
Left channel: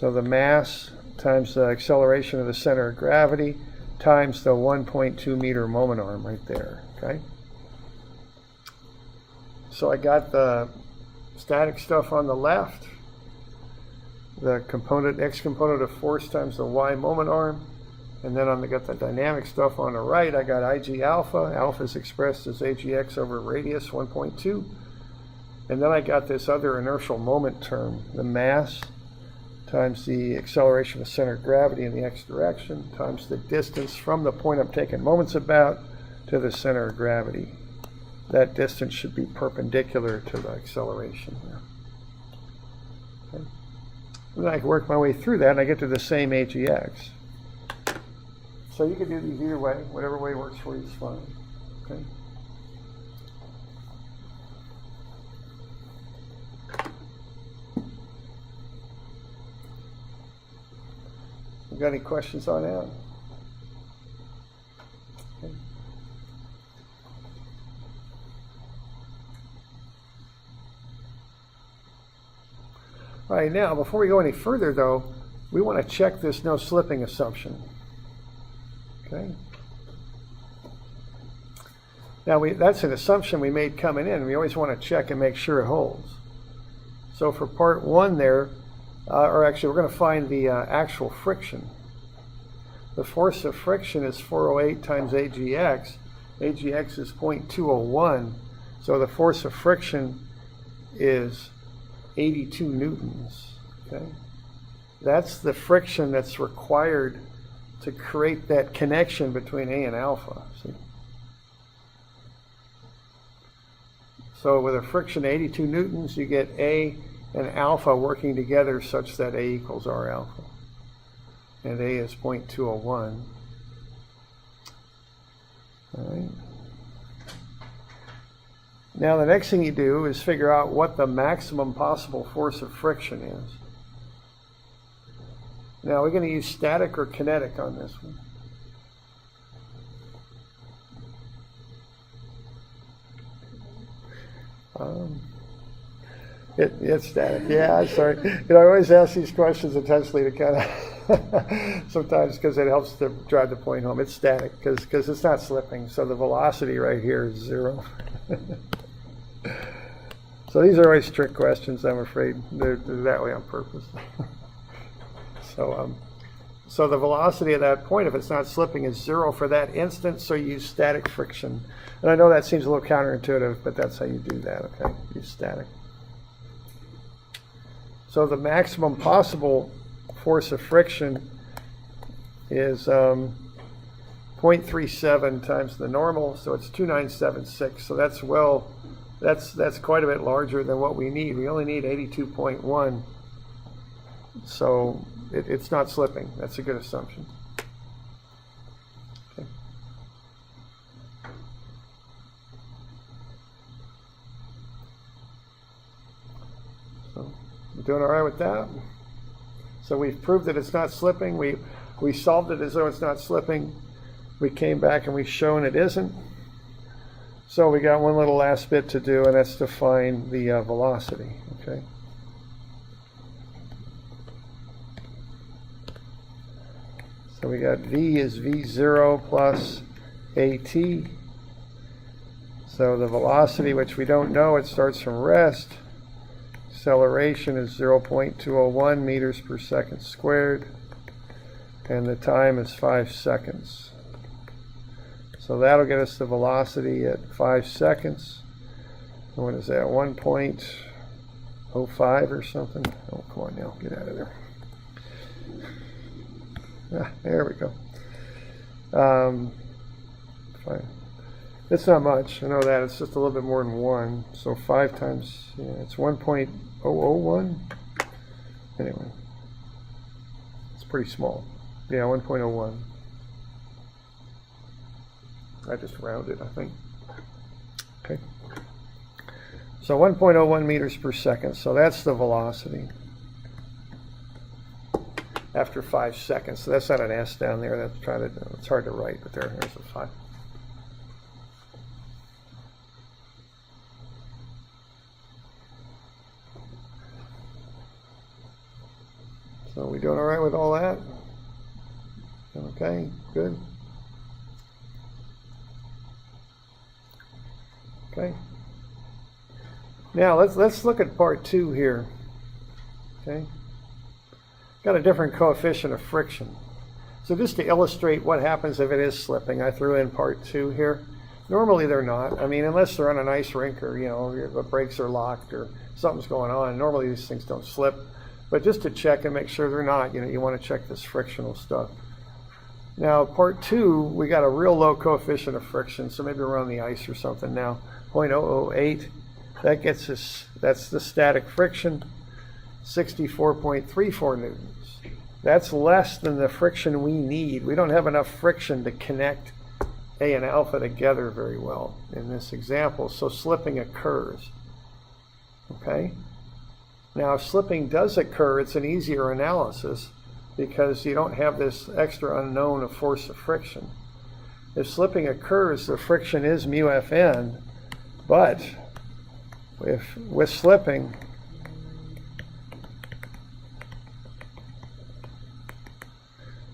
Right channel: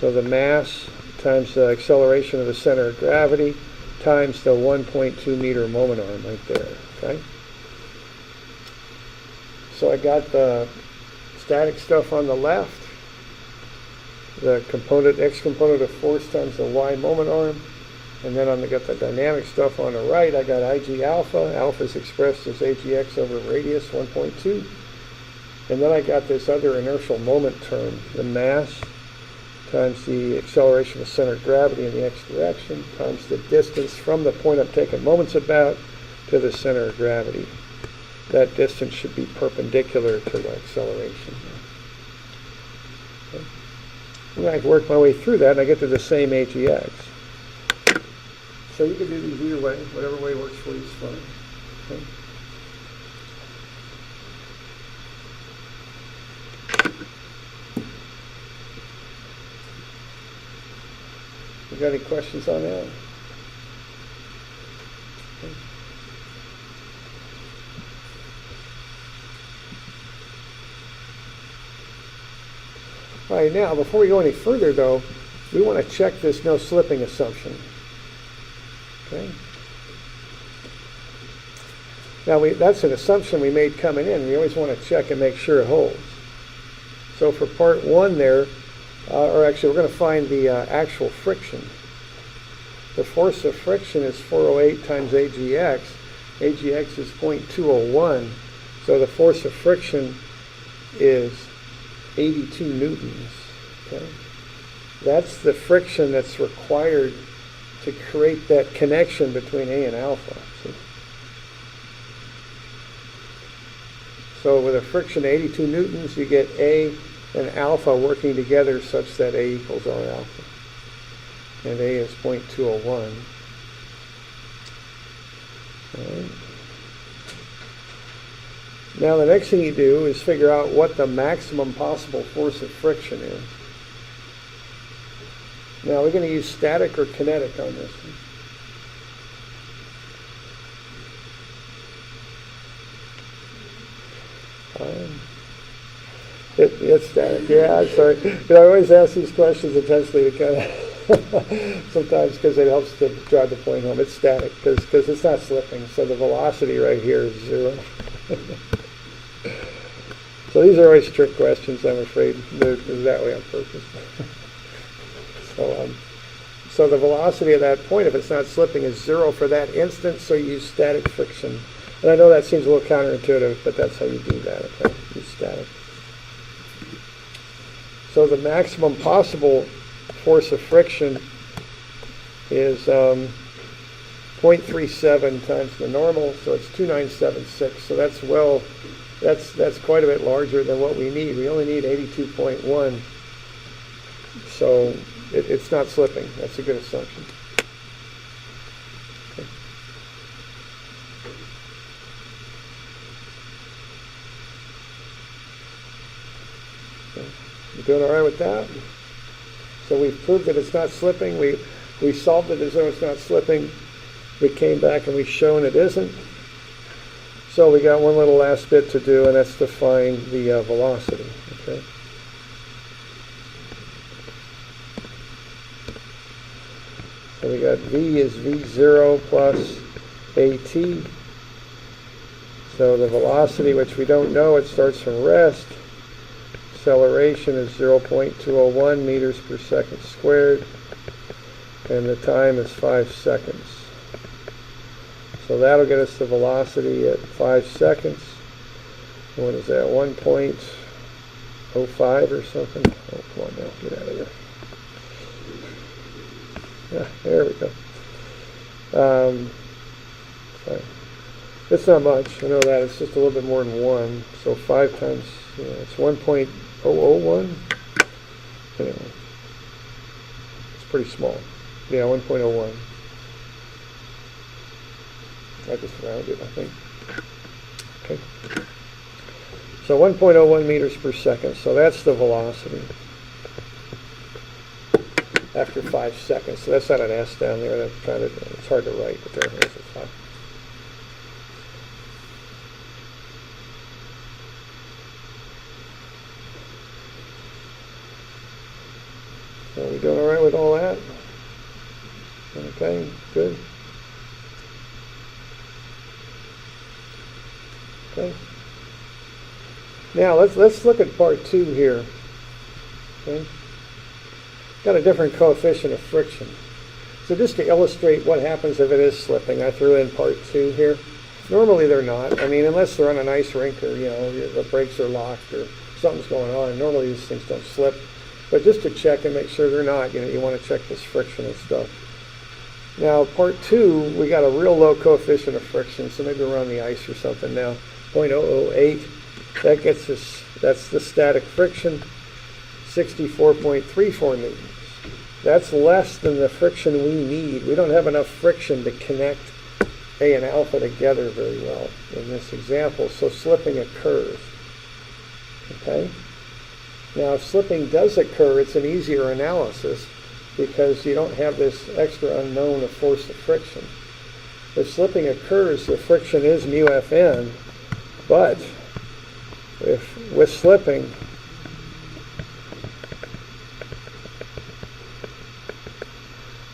So the mass times the acceleration of the center of gravity times the 1.2 meter moment arm right there. Okay. So I got the static stuff on the left, the component, x component of force times the y moment arm, and then I got the dynamic stuff on the right. I got IG alpha. Alpha is expressed as AGX over radius 1.2. And then I got this other inertial moment term, the mass times the acceleration of center of gravity in the x direction times the distance from the point I'm taking moments about to the center of gravity. That distance should be perpendicular to the acceleration. Okay. And I can work my way through that and I get to the same AGX. So you can do these either way, whatever way works for you is fine. Okay. You got any questions on that? Okay. All right, now before we go any further though, we want to check this no slipping assumption. Okay. Now that's an assumption we made coming in. We always want to check and make sure it holds. So for part one there, or actually we're going to find the actual friction. The force of friction is 408 times AGX. AGX is 0.201. So the force of friction is 82 newtons. Okay. That's the friction that's required to create that connection between A and alpha. So with a friction of 82 newtons, you get A and alpha working together such that A equals R alpha. And A is 0.201. Right. Now the next thing you do is figure out what the maximum possible force of friction is. Now we're going to use static or kinetic on this one. It's static. Yeah, I'm sorry. I always ask these questions intentionally to kind of, sometimes because it helps to drive the point home. It's static because it's not slipping. So the velocity right here is 0. So these are always trick questions, I'm afraid. They're that way on purpose. So the velocity of that point, if it's not slipping, is 0 for that instant, so you use static friction. And I know that seems a little counterintuitive, but that's how you do that, okay? Use static. So the maximum possible force of friction is 0.37 times the normal, so it's 2976. So that's that's quite a bit larger than what we need. We only need 82.1. So it's not slipping. That's a good assumption. Okay. So you doing all right with that? So we've proved that it's not slipping. We solved it as though it's not slipping. We came back and we've shown it isn't. So we got one little last bit to do, and that's to find the velocity. Okay. So we got V is V0 plus AT. So the velocity, which we don't know, it starts from rest. Acceleration is 0.201 meters per second squared. And the time is 5 seconds. So that'll get us the velocity at 5 seconds. What is that, 1.05 or something? Oh, come on now, get out of there. Yeah, there we go. Fine. It's not much, I know that, it's just a little bit more than 1, so 5 times, it's 1.001. Anyway, it's pretty small. Yeah, 1.01. I just rounded, I think. Okay. So 1.01 meters per second, so that's the velocity after 5 seconds. So that's not an S down there. It's hard to write, but there's a 5. So we doing all right with all that? Okay, good. Okay. Now let's look at part 2 here. Okay. Got a different coefficient of friction. So just to illustrate what happens if it is slipping, I threw in part 2 here. Normally they're not. I mean, unless they're on an ice rink or, the brakes are locked or something's going on. Normally these things don't slip. But just to check and make sure they're not, you want to check this frictional stuff. Now, part 2, we got a real low coefficient of friction, so maybe we're on the ice or something now. 0.008. That gets us, that's the static friction, 64.34 newtons. That's less than the friction we need. We don't have enough friction to connect A and alpha together very well in this example, so slipping occurs. Okay? Now, if slipping does occur, it's an easier analysis because you don't have this extra unknown of force of friction. If slipping occurs, the friction is mu Fn, but with slipping,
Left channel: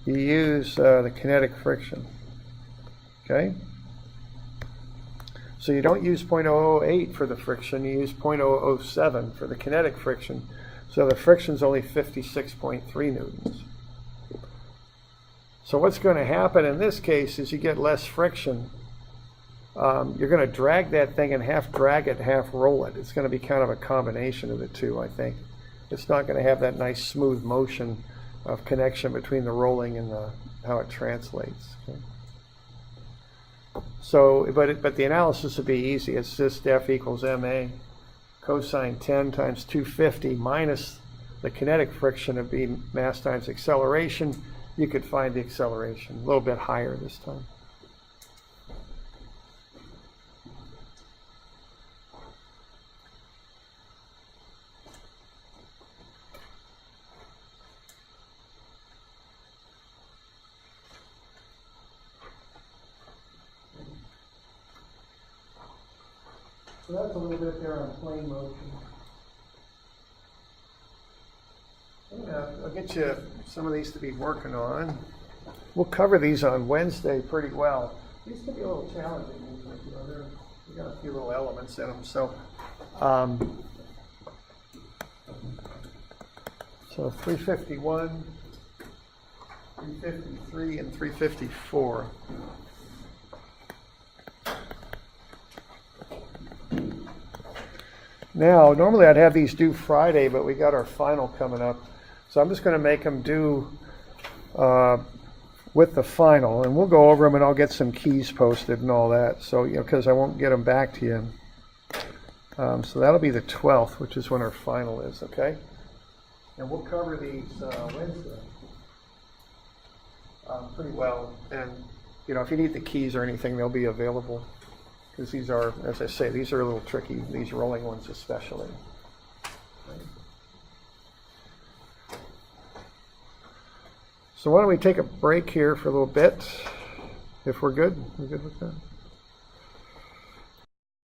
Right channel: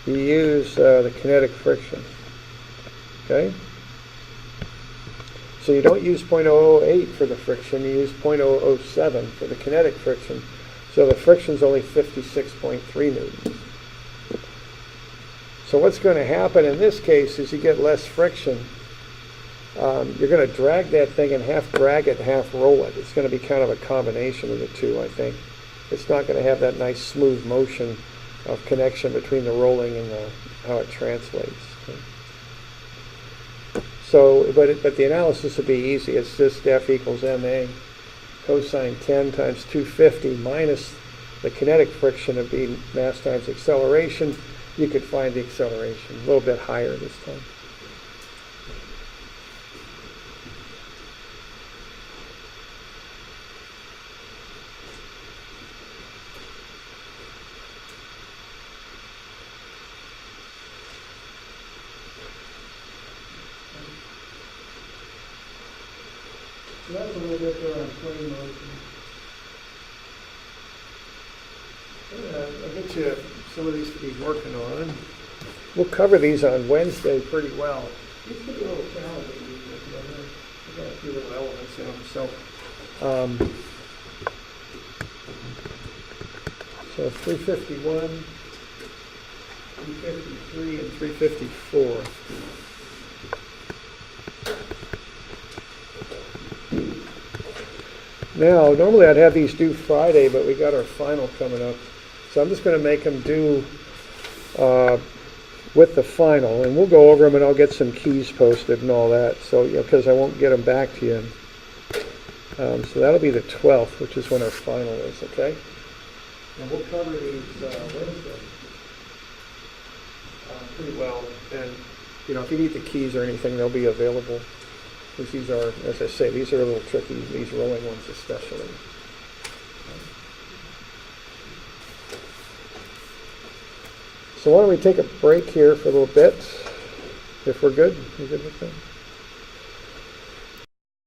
you use the kinetic friction. Okay? So you don't use 0.008 for the friction, you use 0.007 for the kinetic friction. So the friction's only 56.3 newtons. So what's going to happen in this case is you get less friction. You're going to drag that thing and half drag it, half roll it. It's going to be kind of a combination of the two, I think. It's not going to have that nice smooth motion of connection between the rolling and how it translates. So, but the analysis would be easy. It's just F equals ma cosine 10 times 250 minus the kinetic friction would be mass times acceleration. You could find the acceleration a little bit higher this time. So that's a little bit there on plane motion. Yeah, I'll get you some of these to be working on. We'll cover these on Wednesday pretty well. These can be a little challenging. We've got a few little elements in them. So 351, 353, and 354. Now, normally I'd have these due Friday, but we got our final coming up. So I'm just going to make them due with the final, and we'll go over them, and I'll get some keys posted and all that. So, because I won't get them back to you. So that'll be the 12th, which is when our final is, okay? And we'll cover these Wednesday pretty well. And, if you need the keys or anything, they'll be available. Because these are, as I say, these are a little tricky, these rolling ones especially. So why don't we take a break here for a little bit, if we're good? You good with that?